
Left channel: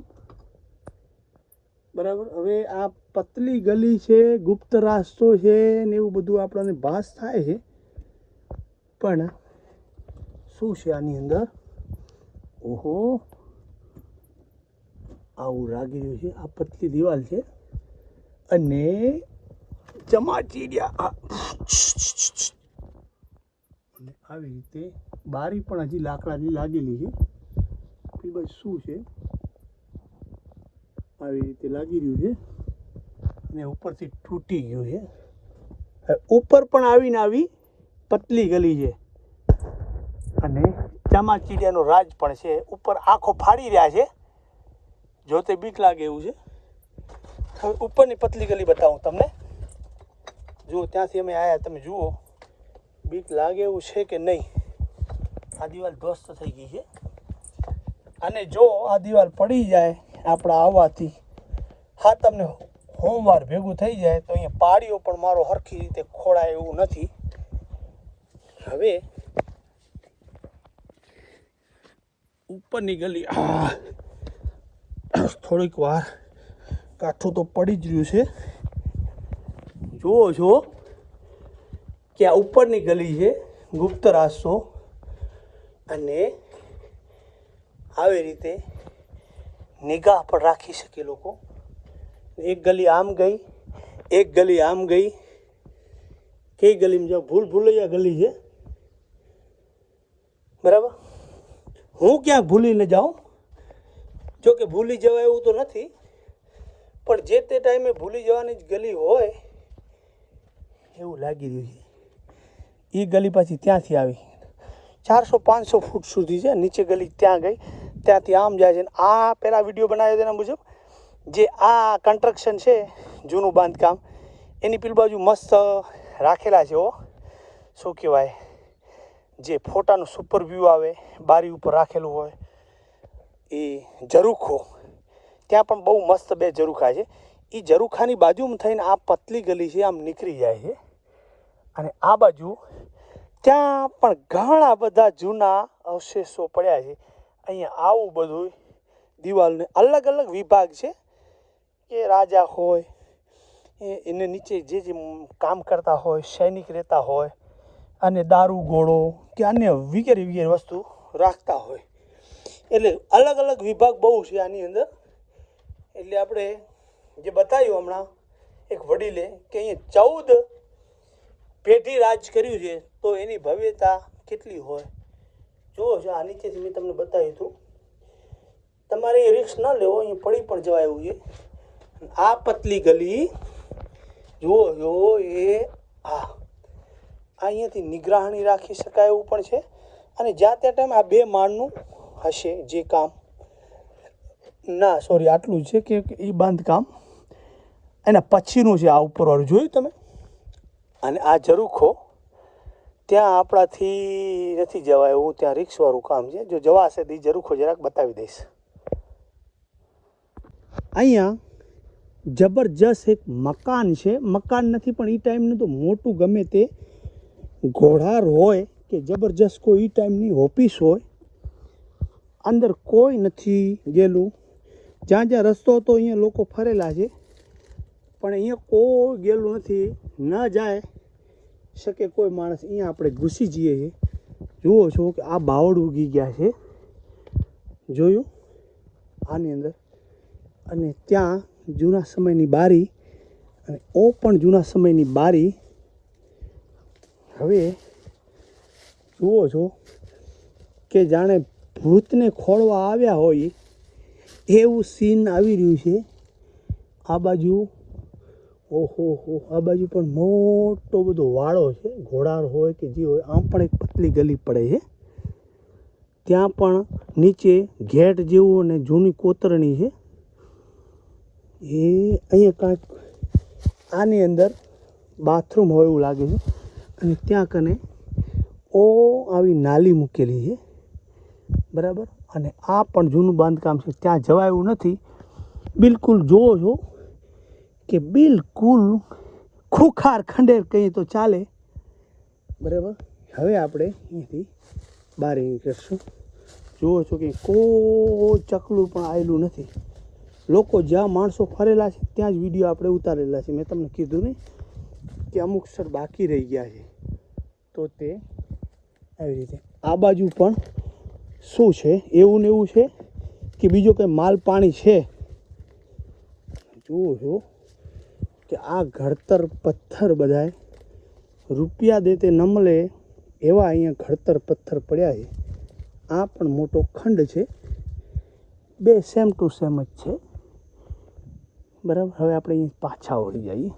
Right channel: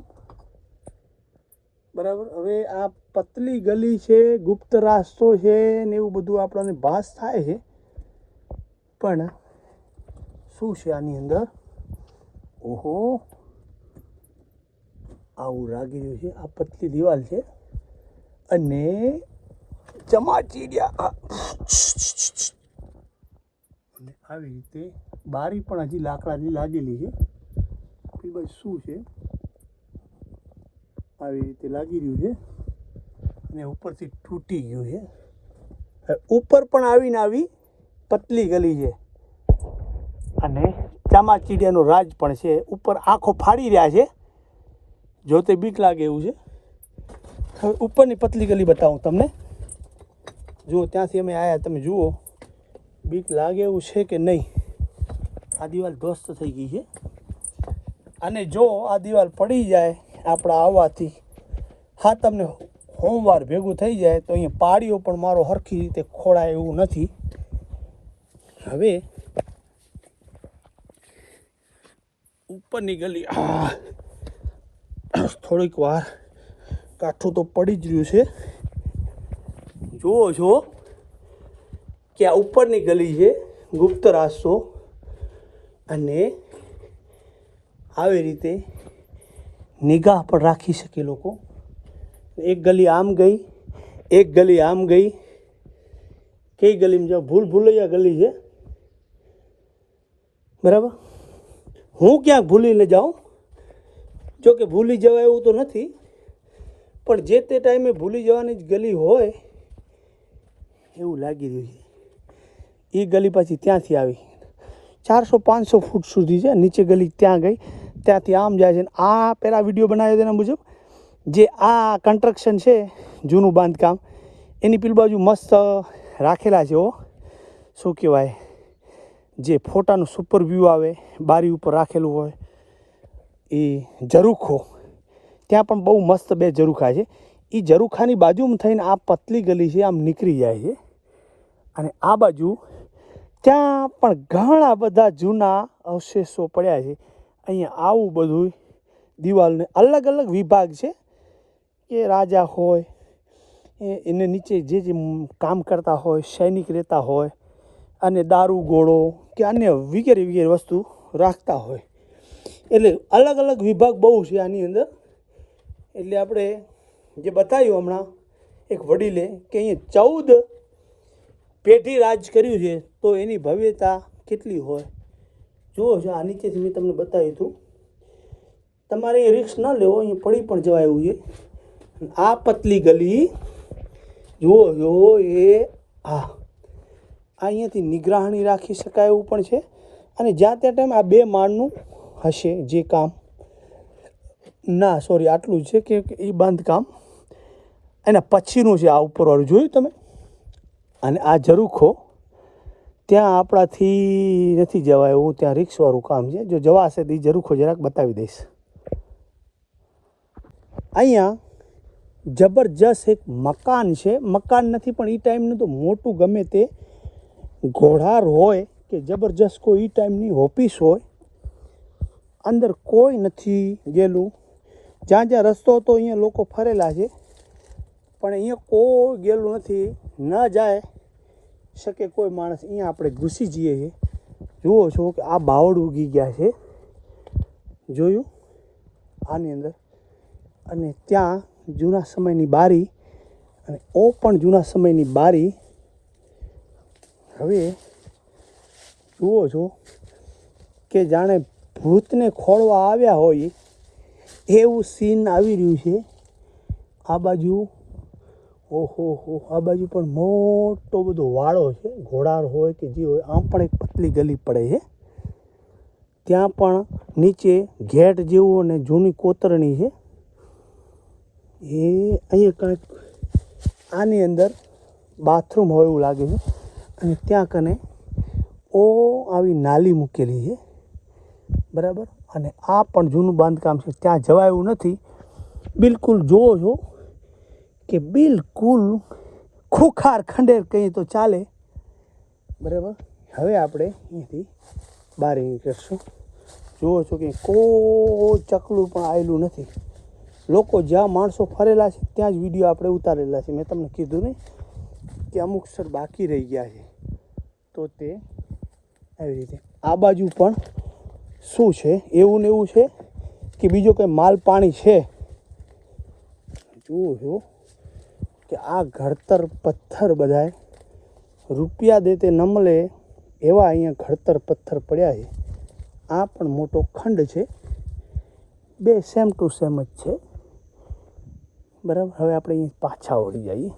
બરાબર. હવે આ પતલી ગલી છે, ગુપ્ત રાસ્તો છે ને એવું બધું આપણને ભાસ થાય છે. પણ શું છે આની અંદર? ઓહો, આવું લાગી રહ્યું છે. આ પતલી દિવાલ છે અને ચમાચીડિયા આવી રીતે બારી પણ હજી લાકડાની લાગેલી છે. ભાઈ શું છે? આવી રીતે લાગી રહ્યું છે અને ઉપરથી તૂટી ગયું છે. ઉપર પણ આવીને આવી પતલી ગલી છે અને ચામાચીડિયાનો રાજ પણ છે. ઉપર આંખો ફાડી રહ્યા છે, જોતે બીક લાગે એવું છે. હવે ઉપરની પતલી ગલી બતાવું તમને. જુઓ, ત્યાંથી અમે આવ્યા, તમે જુઓ બીક લાગે એવું છે કે નહીં. આ દિવાલ ધ્વસ્ત થઈ ગઈ છે અને જો આ દિવાલ પડી જાય આપણા આવવાથી, હા તમને હોમવાર ભેગું થઈ જાય તો અહીંયા પાડીઓ પણ મારો સરખી રીતે ખોળાય એવું નથી. હવે ઉપરની ગલી થોડીક વાર કાઠું તો પડી જ રહ્યું છે. જુઓ છો કે આ ઉપરની ગલી છે, ગુપ્ત રાસ્તો. અને આવી રીતે નિગાહ પણ રાખી શકે લોકો. એક ગલી આમ ગઈ, એક ગલી આમ ગઈ. કઈ ગલીમાં જાઓ? ભૂલૈયા ગલી છે, બરાબર. હું ક્યાંક ભૂલીને જાઉં, જો કે ભૂલી જવાય એવું તો નથી, પણ જે તે ટાઈમે ભૂલી જવાની જ ગલી હોય એવું લાગી રહ્યું છે. એ ગલી પાછી ત્યાંથી આવી 400-500 ફૂટ સુધી છે. નીચે ગલી ત્યાં ગઈ, ત્યાંથી આમ જાય છે. આ પહેલાં વિડીયો બનાવ્યો તેના મુજબ જે આ કન્સ્ટ્રક્શન છે જૂનું બાંધકામ, એની પેલી બાજુ મસ્ત રાખેલા છે. શું કહેવાય, જે ફોટાનું સુપર વ્યૂ આવે, બારી ઉપર રાખેલું હોય એ ઝરૂખો. ત્યાં પણ બહુ મસ્ત 2 ઝરૂખા છે. એ ઝરૂખાની બાજુમાં થઈને આ પતલી ગલી છે, આમ નીકળી જાય છે. અને આ બાજુ ત્યાં પણ ઘણા બધા જૂના અવશેષો પડ્યા છે. અહીંયા આવું બધું દિવાલને અલગ અલગ વિભાગ છે કે રાજા હોય એને નીચે જે કામ કરતા હોય, સૈનિક રહેતા હોય, અને દારૂ ગોળો કે અન્ય વગેરે વગેરે વસ્તુ રાખતા હોય. એટલે અલગ અલગ વિભાગ બહુ છે આની અંદર. એટલે આપણે જે બતાવ્યું હમણાં એક વડીલે કે અહીંયા 14 પેઢી રાજ કર્યું છે, તો એની ભવ્યતા કેટલી હોય. જુઓ છો, આ નીચેથી મેં તમને બતાવ્યું હતું. તમારે એ રિસ્ક ન લેવો, અહીં પડી પણ જવાય એવું છે. આ પતલી ગલી જુઓ એ અહીંયાથી નિગરાણી રાખી શકાય એવું પણ છે. અને જ્યાં ત્યાં ટાઈમ આ 2 માળનું હશે જે કામ, ના સોરી આટલું છે કે એ બાંધકામ એના પછીનું છે. આ ઉપરવાળું જોયું તમે. અને આ ઝરૂખો ત્યાં આપણાથી નથી જવાય એવું, ત્યાં રિક્સવાળું કામ છે. જો જવાશે તો એ ઝરૂખો જરાક બતાવી દઈશ. અહીંયા જબરજસ્ત એક મકાન છે. મકાન નથી પણ એ ટાઈમનું તો મોટું ગમે તે ઘોડાર હોય કે જબરજસ્ત કોઈ એ ટાઈમની ઓફિસ હોય. અંદર કોઈ નથી ગયેલું. જ્યાં જ્યાં રસ્તો હતો અહીંયા લોકો ફરેલા છે, પણ અહીંયા કોઈ ગયેલું નથી. ન જાય શકે કોઈ માણસ. અહીંયા આપણે ઘૂસી જઈએ છીએ. જુઓ છો કે આ બાવળ ઉગી ગયા છે, જોયું. આની અંદર, અને ત્યાં જૂના સમયની બારી, અને ઓ પણ જૂના સમયની બારી. હવે જુઓ છો કે જાણે ભૂતને ખોળવા આવ્યા હોય એવું સીન આવી રહ્યું છે. આ બાજુ ઓહો હો, આ બાજુ પણ મોટો બધો વાળો છે, ઘોડાર હોય કે જે હોય. આમ પણ એક પતલી ગલી પડે છે. ત્યાં પણ નીચે ઘેટ જેવું અને જૂની કોતરણી છે. એ અહીંયા કાંઈક આની અંદર બાથરૂમ હોય એવું લાગે છે. અને ત્યાં કને આવી નાલી મૂકેલી છે, બરાબર. અને આ પણ જૂનું બાંધકામ છે, ત્યાં જવાય એવું નથી. બિલકુલ જોવો છો કે બિલકુલ ખુખાર ખંડેર કહીએ તો ચાલે, બરાબર. હવે આપણે અહીંથી બહાર નીકળશું. જુઓ છો કે કોઈ ચકલું પણ આવેલું નથી. લોકો જ્યાં માણસો ફરેલા છે ત્યાં જ વિડીયો આપણે ઉતારેલા છે. મેં તમને કીધું નહીં કે અમુક સ્થળ બાકી રહી ગયા છે, તો તે આવી રીતે. આ બાજુ પણ શું છે, એવું ને એવું છે કે બીજો કંઈ માલ પાણી છે. જુઓ છો કે આ ઘડતર પથ્થર બધાય રૂપિયા દેતે ન મળે એવા અહીંયા ઘડતર પથ્થર પડ્યા છે. આ પણ મોટો ખંડ છે, બે સેમ ટુ સેમ જ છે, બરાબર. હવે આપણે અહીં પાછા વળી જઈએ.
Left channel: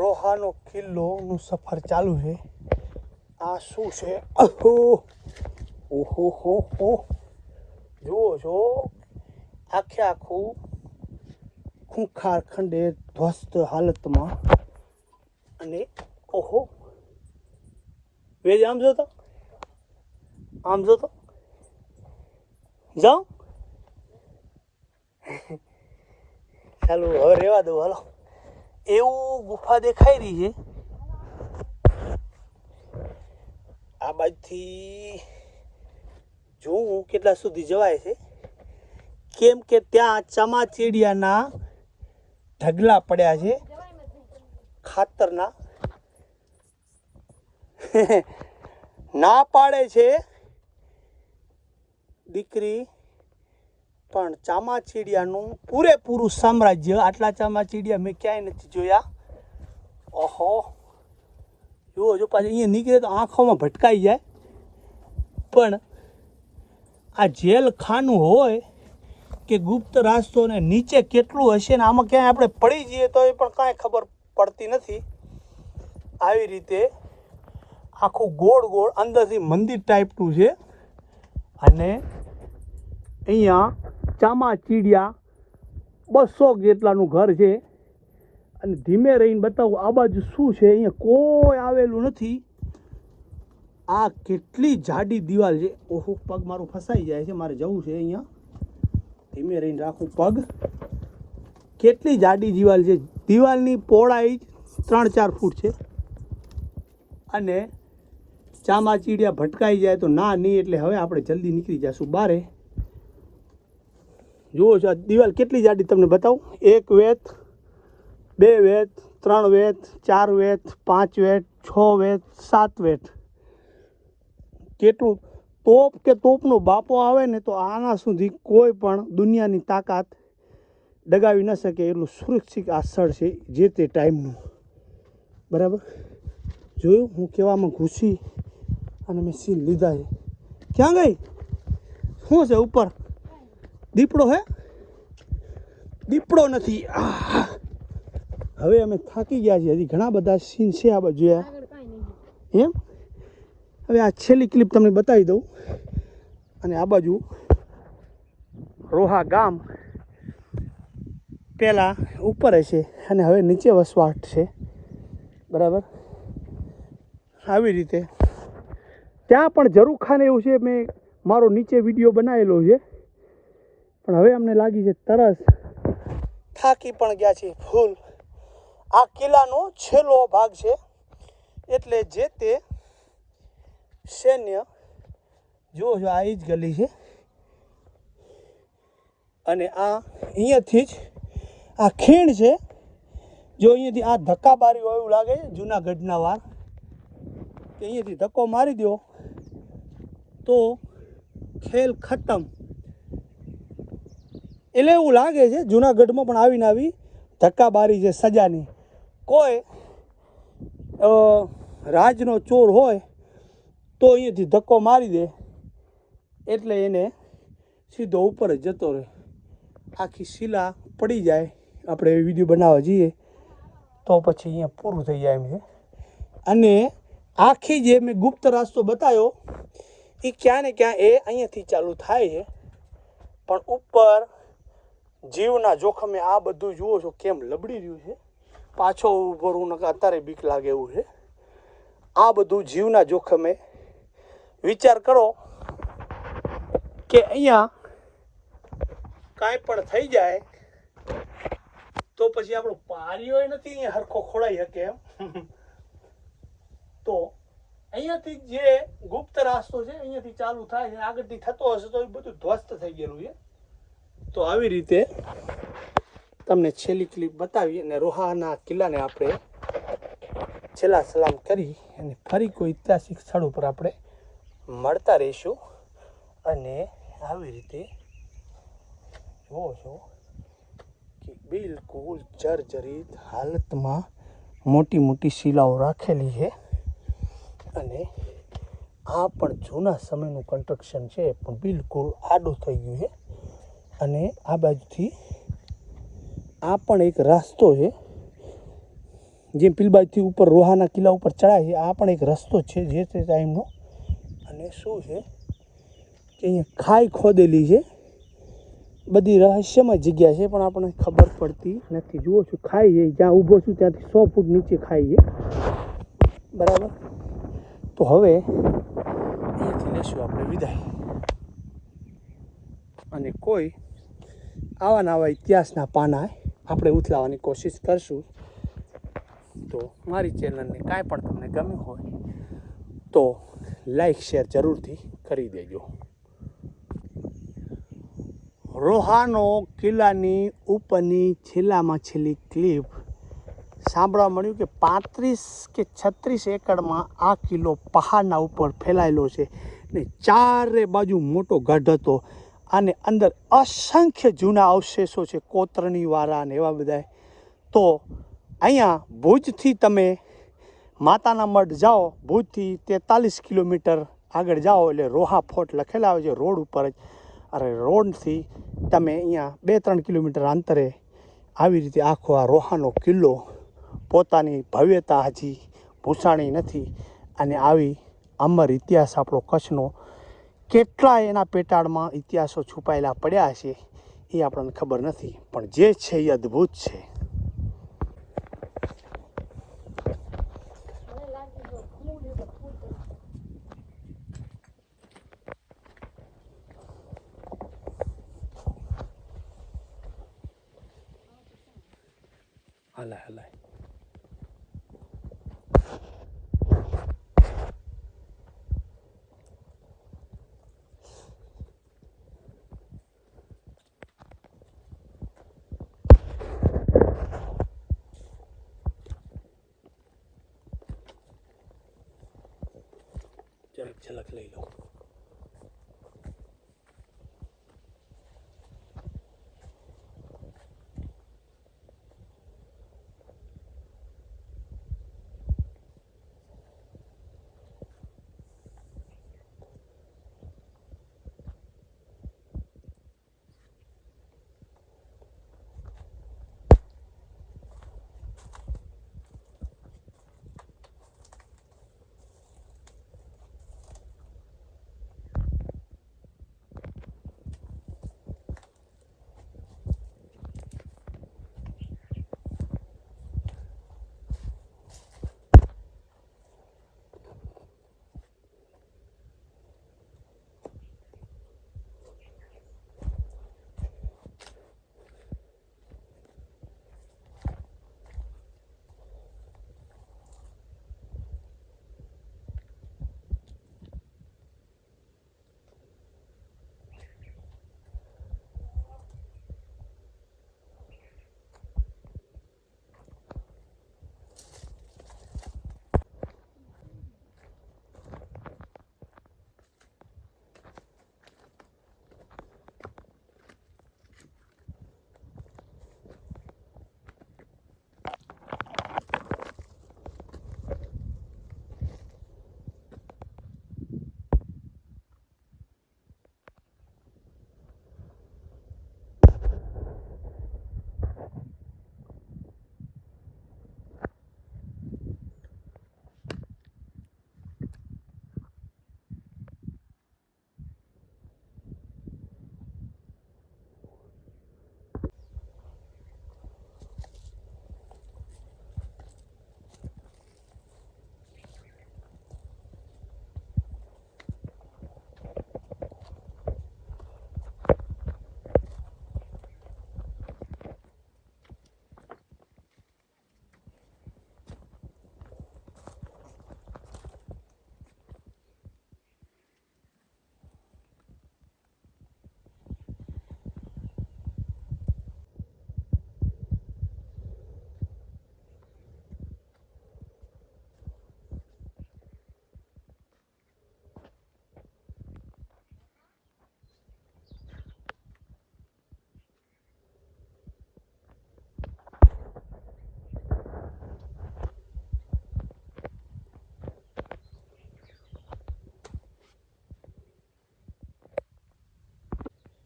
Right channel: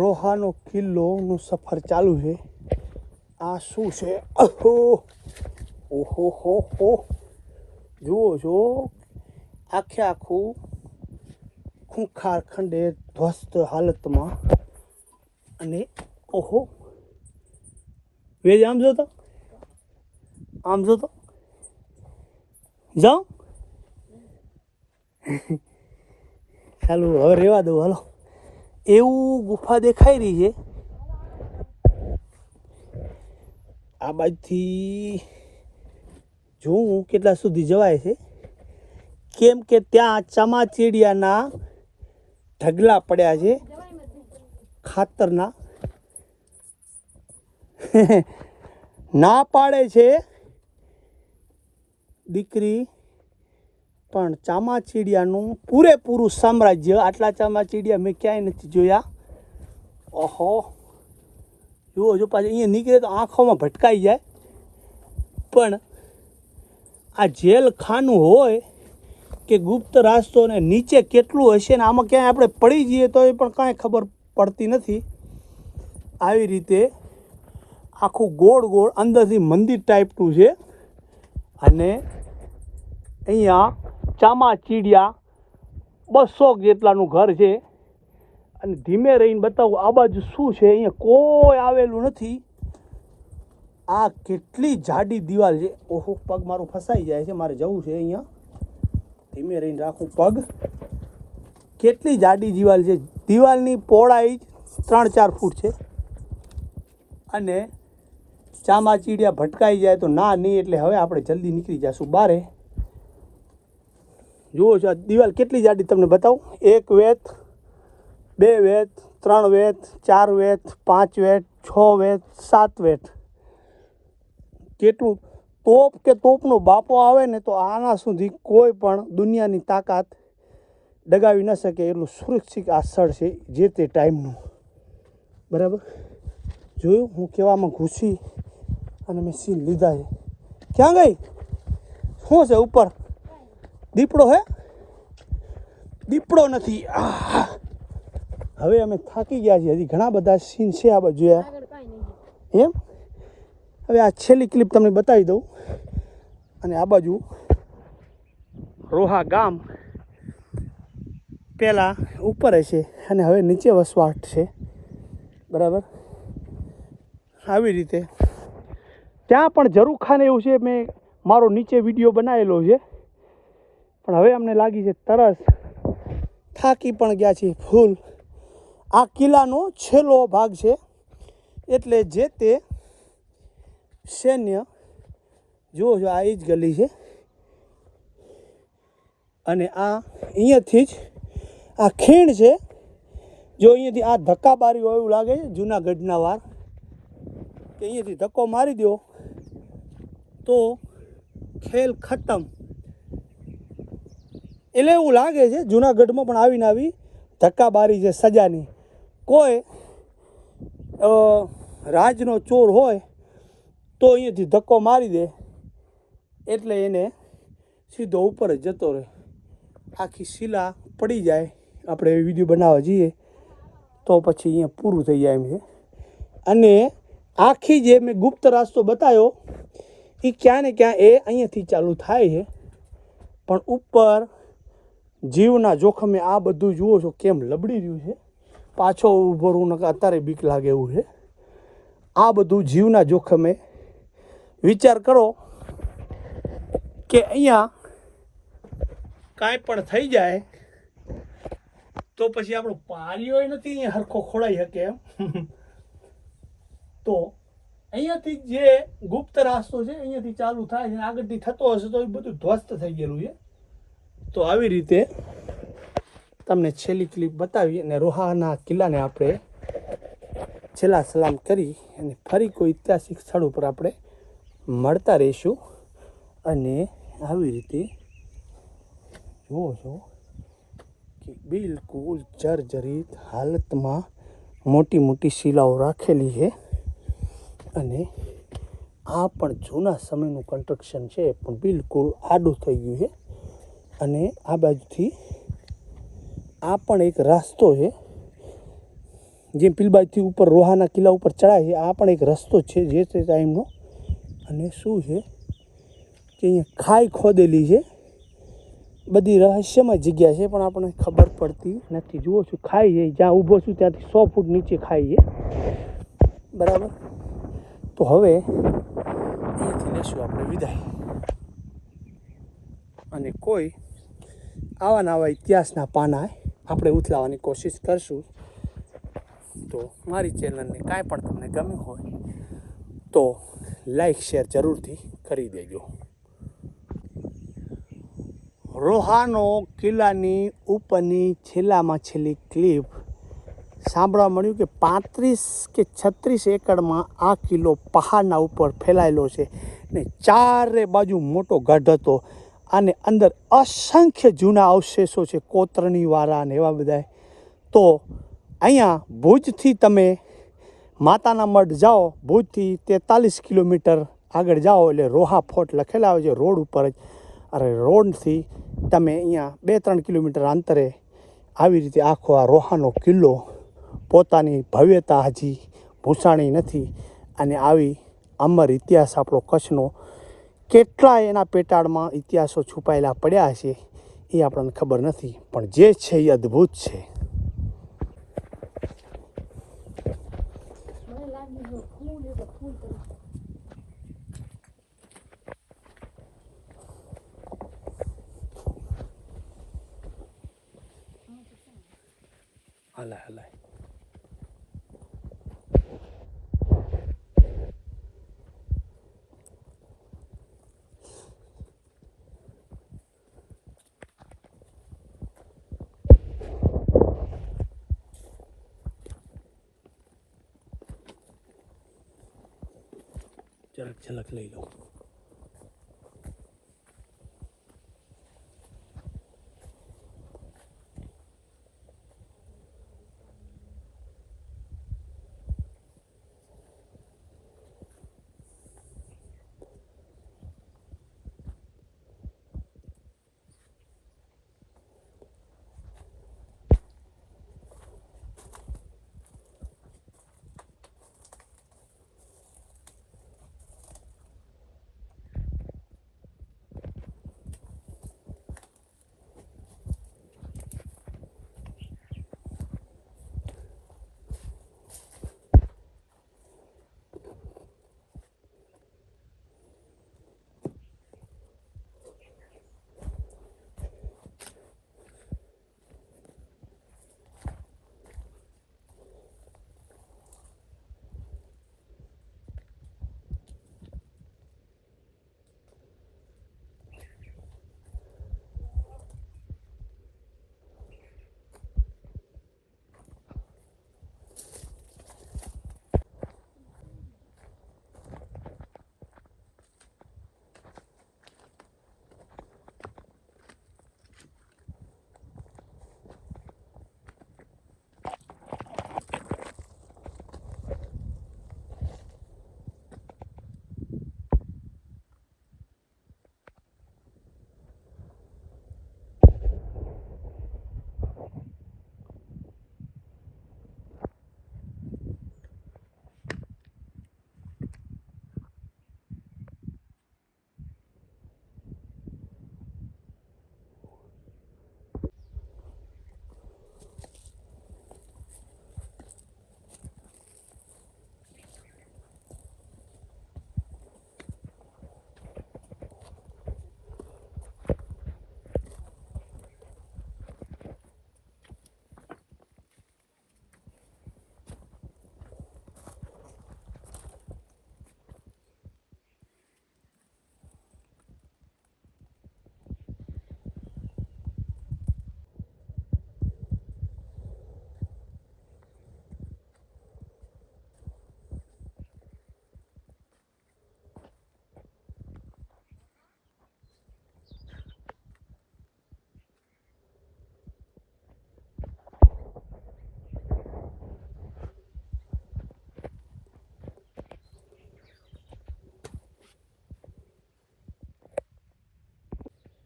રોહાનો કિલ્લોનું સફર ચાલુ છે. આ શું છે? ઓહો હો હો, જુઓ છો આખે આખું ખૂંખાર ખંડે ધ્વસ્ત હાલતમાં. અને ઓહો, વેજ આમ જો તો, આમ જો તો જાઓ. ચાલો હવે રહેવા દો, હાલો. એવું ગુફા દેખાઈ રહી છે. આ બાજુથી જોઉં કેટલા સુધી જવાય છે, કેમ કે ત્યાં ચામાચીડિયાના ઢગલા પડ્યા છે ખાતરના. ના પાડે છે દીકરી, પણ ચામાચીડિયાનું પૂરેપૂરું સામ્રાજ્ય. આટલા ચામાચીડિયા મેં ક્યાંય નથી જોયા. ઓહો, જુઓ જો પાછું અહીંયા નીકળે તો આંખોમાં ભટકાઈ જાય. પણ આ જેલ ખાનું હોય કે ગુપ્ત રાસ્તો, ને નીચે કેટલું હશે ને આમાં ક્યાંય આપણે પડી જઈએ તો એ પણ કાંઈ ખબર પડતી નથી. આવી રીતે આખું ગોળ ગોળ અંદરથી મંદિર ટાઈપનું છે. અને અહીંયા ચામાચીડિયા 200 જેટલાનું ઘર છે. અને ધીમે રહીને બતાવું આ બાજુ શું છે. અહીંયા કોઈ આવેલું નથી. આ કેટલી જાડી દિવાલ છે. ઓહો, પગ મારું ફસાઈ જાય છે, મારે જવું છે અહીંયા. ધીમે રહીને રાખું પગ. કેટલી જાડી દિવાલ છે. દિવાલની પહોળાઈ 3-4 ફૂટ છે. અને ચામાચીડિયા ભટકાઈ જાય તો ના નહીં, એટલે હવે આપણે જલ્દી નીકળી જઈશું બારે. જુઓ છો આ દિવાલ કેટલી જાડી તમને બતાવું. 1 વેત, 2 વેત, 3 વેત, 4 વેત, 5 વેત, 6 વેત, 7 વેત. કેટલું તોપ કે તોપનો બાપો આવે ને તો આના સુધી કોઈ પણ દુનિયાની તાકાત ડગાવી ન શકે એટલું સુરક્ષિત આ સ્થળ છે જે તે ટાઈમનું, બરાબર. જોયું હું કેવામાં ઘૂસી અને મેં સીન લીધા છે. ક્યાં ગઈ? શું છે ઉપર? દીપડો હે? દીપડો નથી. હવે અમે થાકી ગયા છીએ. હજી ઘણા બધા સીન છે આ બાજુ એમ. હવે આ છેલ્લી ક્લિપ તમને બતાવી દઉં. અને આ બાજુ રોહા ગામ પહેલાં ઉપર હશે અને હવે નીચે વસવાટ છે, બરાબર. આવી રીતે ત્યાં પણ ઝરૂખાને એવું છે. મેં મારો નીચે વિડીયો બનાવેલો છે, પણ હવે અમને લાગી છે તરસ. થાકી પણ ગયા છીએ ફૂલ. આ કિલ્લાનો છેલ્લો ભાગ છે, એટલે જે તે સૈન્ય જુઓ છો આ એ જ ગલી છે. અને આ અહીંયાથી જ આ ખીણ છે. જો અહીંયાથી આ ધક્કા મારી હોય એવું લાગે છે જૂનાગઢના વાર, કે અહીંયાથી ધક્કો મારી દો તો ખેલ ખતમ. એટલે એવું લાગે છે જુનાગઢમાં પણ આવીને આવી ધક્કાબારી છે સજાની. કોઈ રાજનો ચોર હોય તો અહીંયાથી ધક્કો મારી દે એટલે એને સીધો ઉપર જ જતો રહે. આખી શિલા પડી જાય. આપણે એ વિડીયો બનાવવા જઈએ તો પછી અહીંયા પૂરું થઈ જાય એમ છે. અને આખી જે મેં ગુપ્ત રસ્તો બતાવ્યો એ ક્યાં ને ક્યાં એ અહીંયાથી ચાલુ થાય છે. પણ ઉપર જીવના જોખમે આ બધું જુઓ છો કેમ લબડી રહ્યું છે. પાછો ઊભો રહું નકર અત્યારે બીક લાગે એવું છે. આ બધું જીવના જોખમે. વિચાર કરો કે અહીંયા કાંઈ પણ થઈ જાય તો પછી આપણો પારીઓ નથી અહીંયા હરખો ખોડાઈ શકે એમ. તો અહીંયાથી જે ગુપ્ત રાસ્તો છે અહીંયાથી ચાલુ થાય છે આગળથી થતો હશે તો એ બધું ધ્વસ્ત થઈ ગયેલું છે. તો આવી રીતે તમને છેલ્લી ક્લિપ બતાવી અને રોહાના કિલ્લાને આપણે છેલ્લા સલામ કરી અને ફરી કોઈ ઐતિહાસિક સ્થળ ઉપર આપણે મળતા રહીશું. અને આવી રીતે જુઓ છો કે બિલકુલ જર્જરિત હાલતમાં મોટી મોટી શિલાઓ રાખેલી છે. અને આ પણ જૂના સમયનું કન્સ્ટ્રક્શન છે પણ બિલકુલ આડું થઈ ગયું છે. અને આ બાજુથી આ પણ એક રસ્તો છે જે પેલી બાજુથી ઉપર રોહાના કિલ્લા ઉપર ચડાય છે. આ પણ એક રસ્તો છે જે તે ટાઈમનો. અને શું છે કે અહીંયા ખાઈ ખોદેલી છે. બધી રહસ્યમય જગ્યા છે પણ આપણને ખબર પડતી નથી. જુઓ છું ખાઈ છે જ્યાં ઊભો છું ત્યાંથી 100 ફૂટ નીચે ખાઈ છે. બરાબર. તો હવે અહીંયાથી લેશું આપણે વિદાય. અને કોઈ આવા નવા ઇતિહાસના પાના આપણે ઉથલાવવાની કોશિશ કરશું. તો મારી ચેનલને કાંઈ પણ તમને ગમ્યું હોય તો લાઈક શેર જરૂરથી કરી દેજો. રોહાનો કિલ્લાની ઉપરની છેલ્લામાં છેલ્લી ક્લિપ સાંભળવા મળ્યું કે 35 કે 36 એકડમાં આ કિલ્લો પહાડના ઉપર ફેલાયેલો છે ને ચારે બાજુ મોટો ગઢ હતો. અને અંદર અસંખ્ય જૂના અવશેષો છે કોતરણીવાળા ને એવા બધા. તો અહીંયા ભુજથી તમે માતાના મઢ જાઓ, ભુજથી 43 કિલોમીટર આગળ જાઓ એટલે રોહા ફોર્ટ લખેલા આવે છે રોડ ઉપર જ. અરે રોડથી તમે અહીંયા 2-3 કિલોમીટર અંતરે આવી રીતે આખો આ રોહાનો કિલ્લો પોતાની ભવ્યતા હજી ભૂસાણી નથી. અને આવી અમર ઇતિહાસ આપણો કચ્છનો કેટલાય એના પેટાળમાં ઇતિહાસો છુપાયેલા પડ્યા છે એ આપણને ખબર નથી. પણ જે છે એ અદ્ભુત છે. હલાય હલાય. ઝલક ઝલક લઈ લો.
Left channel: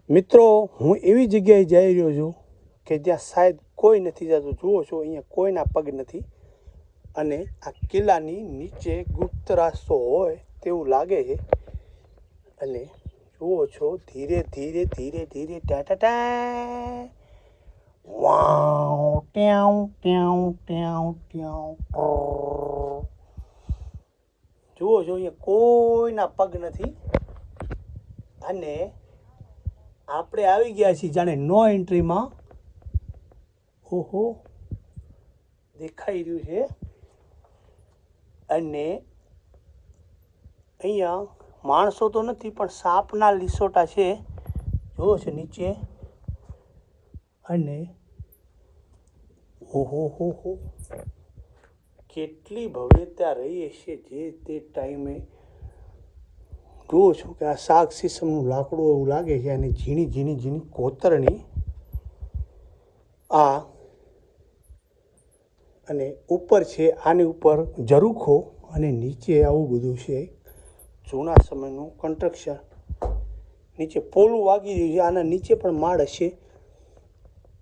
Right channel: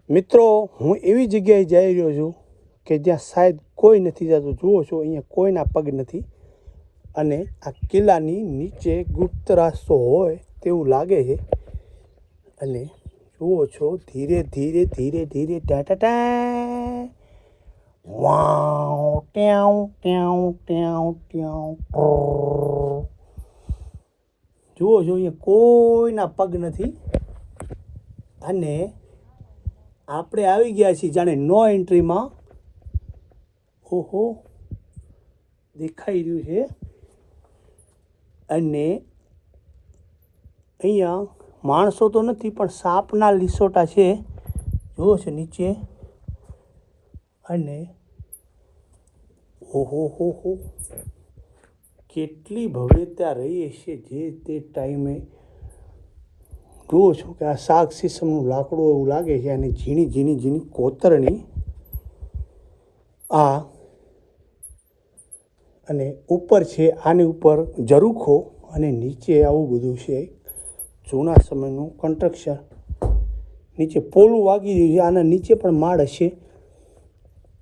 મિત્રો હું એવી જગ્યાએ જઈ રહ્યો છું કે જ્યાં શાયદ કોઈ નથી જતું. જુઓ છો અહીંયા કોઈના પગ નથી અને આ કિલ્લાની નીચે ગુપ્ત રસ્તો હોય તેવું લાગે છે. અને જુઓ છો ધીરે ધીરે ધીરે ધીરે ટા વાવ ટ્યાઉ ટ્યાઉ ટ્યાઉ ટ્યાઉ. જુઓ છો અહીંયા કોઈના પગ નથી અને આપણે આવી ગયા છીએ જાણે નો એન્ટ્રીમાં. ઓહો દેખાઈ રહ્યું છે. અને અહીંયા માણસો તો નથી પણ સાપના લીસોટા છે. જુઓ છે નીચે. અને ઓહો હો હો કેટલી ભવ્યતા રહી હશે જે તે ટાઈમે. જુઓ છો કે આ શાક સીસમનું લાકડું એવું લાગે છે અને ઝીણી ઝીણી ઝીણી કોતરણી આ. અને ઉપર છે આની ઉપર ઝરૂખો અને નીચે આવું બધું છે જૂના સમયનું કન્સ્ટ્રક્શન. નીચે પોલું વાગી રહ્યું છે. આના નીચે પણ માળ હશે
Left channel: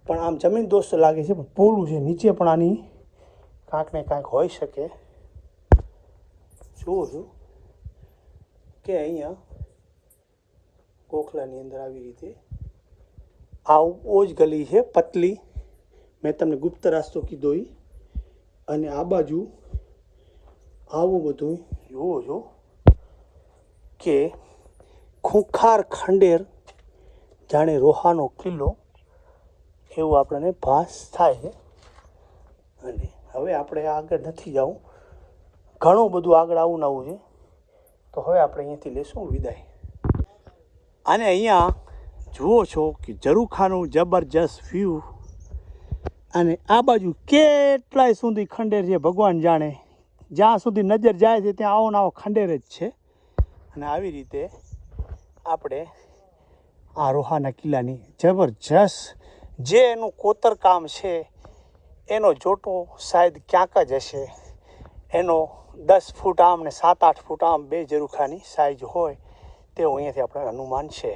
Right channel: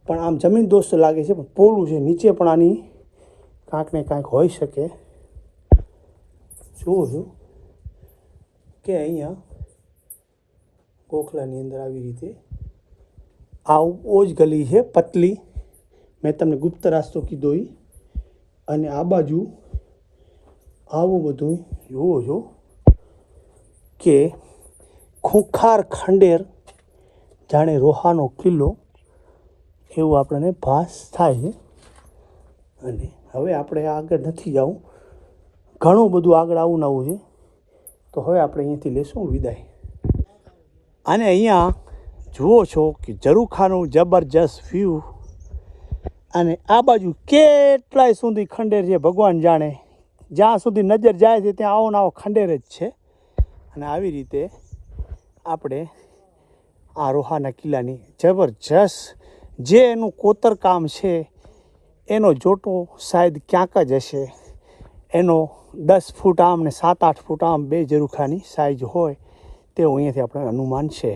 પણ આમ જમીન દોસ્ત લાગે છે પણ પોલું છે. નીચે પણ આની કાંઈક ને કાંઈક હોઈ શકે. જુઓ છું કે અહીંયા ગોખલાની અંદર આવી રીતે આ ઓજ ગલી છે પતલી. મેં તમને ગુપ્ત રસ્તો કીધો એ. અને આ બાજુ આવું બધું જુઓ છો કે ખૂંખાર ખંડેર જાણે રોહાનો કિલ્લો એવું આપણને ભાસ થાય છે. અને હવે આપણે આગળ નથી જવું, ઘણું બધું આગળ આવું નવું છે. તો હવે આપણે અહીંયાથી લેશું વિદાય. અને અહીંયા જુઓ છો કે ઝરૂખાનું જબરજસ્ત વ્યૂ. અને આ બાજુ કેટલાય સુધી ખંડેર છે ભગવાન જાણે. જ્યાં સુધી નજર જાય છે ત્યાં આવો ને આવો ખંડેર જ છે. અને આવી રીતે આપણે આ રોહાના કિલ્લાની જબરજસ્ત જે એનું કોતરકામ છે એનો જોટો શાયદ ક્યાંક જ હશે. એનો 10 ફૂટ આમ ને 7-8 ફૂટ આમ બે ઝરૂખાની સાઈઝ હોય તેવું અહીંયાથી આપણે અનુમાન છે.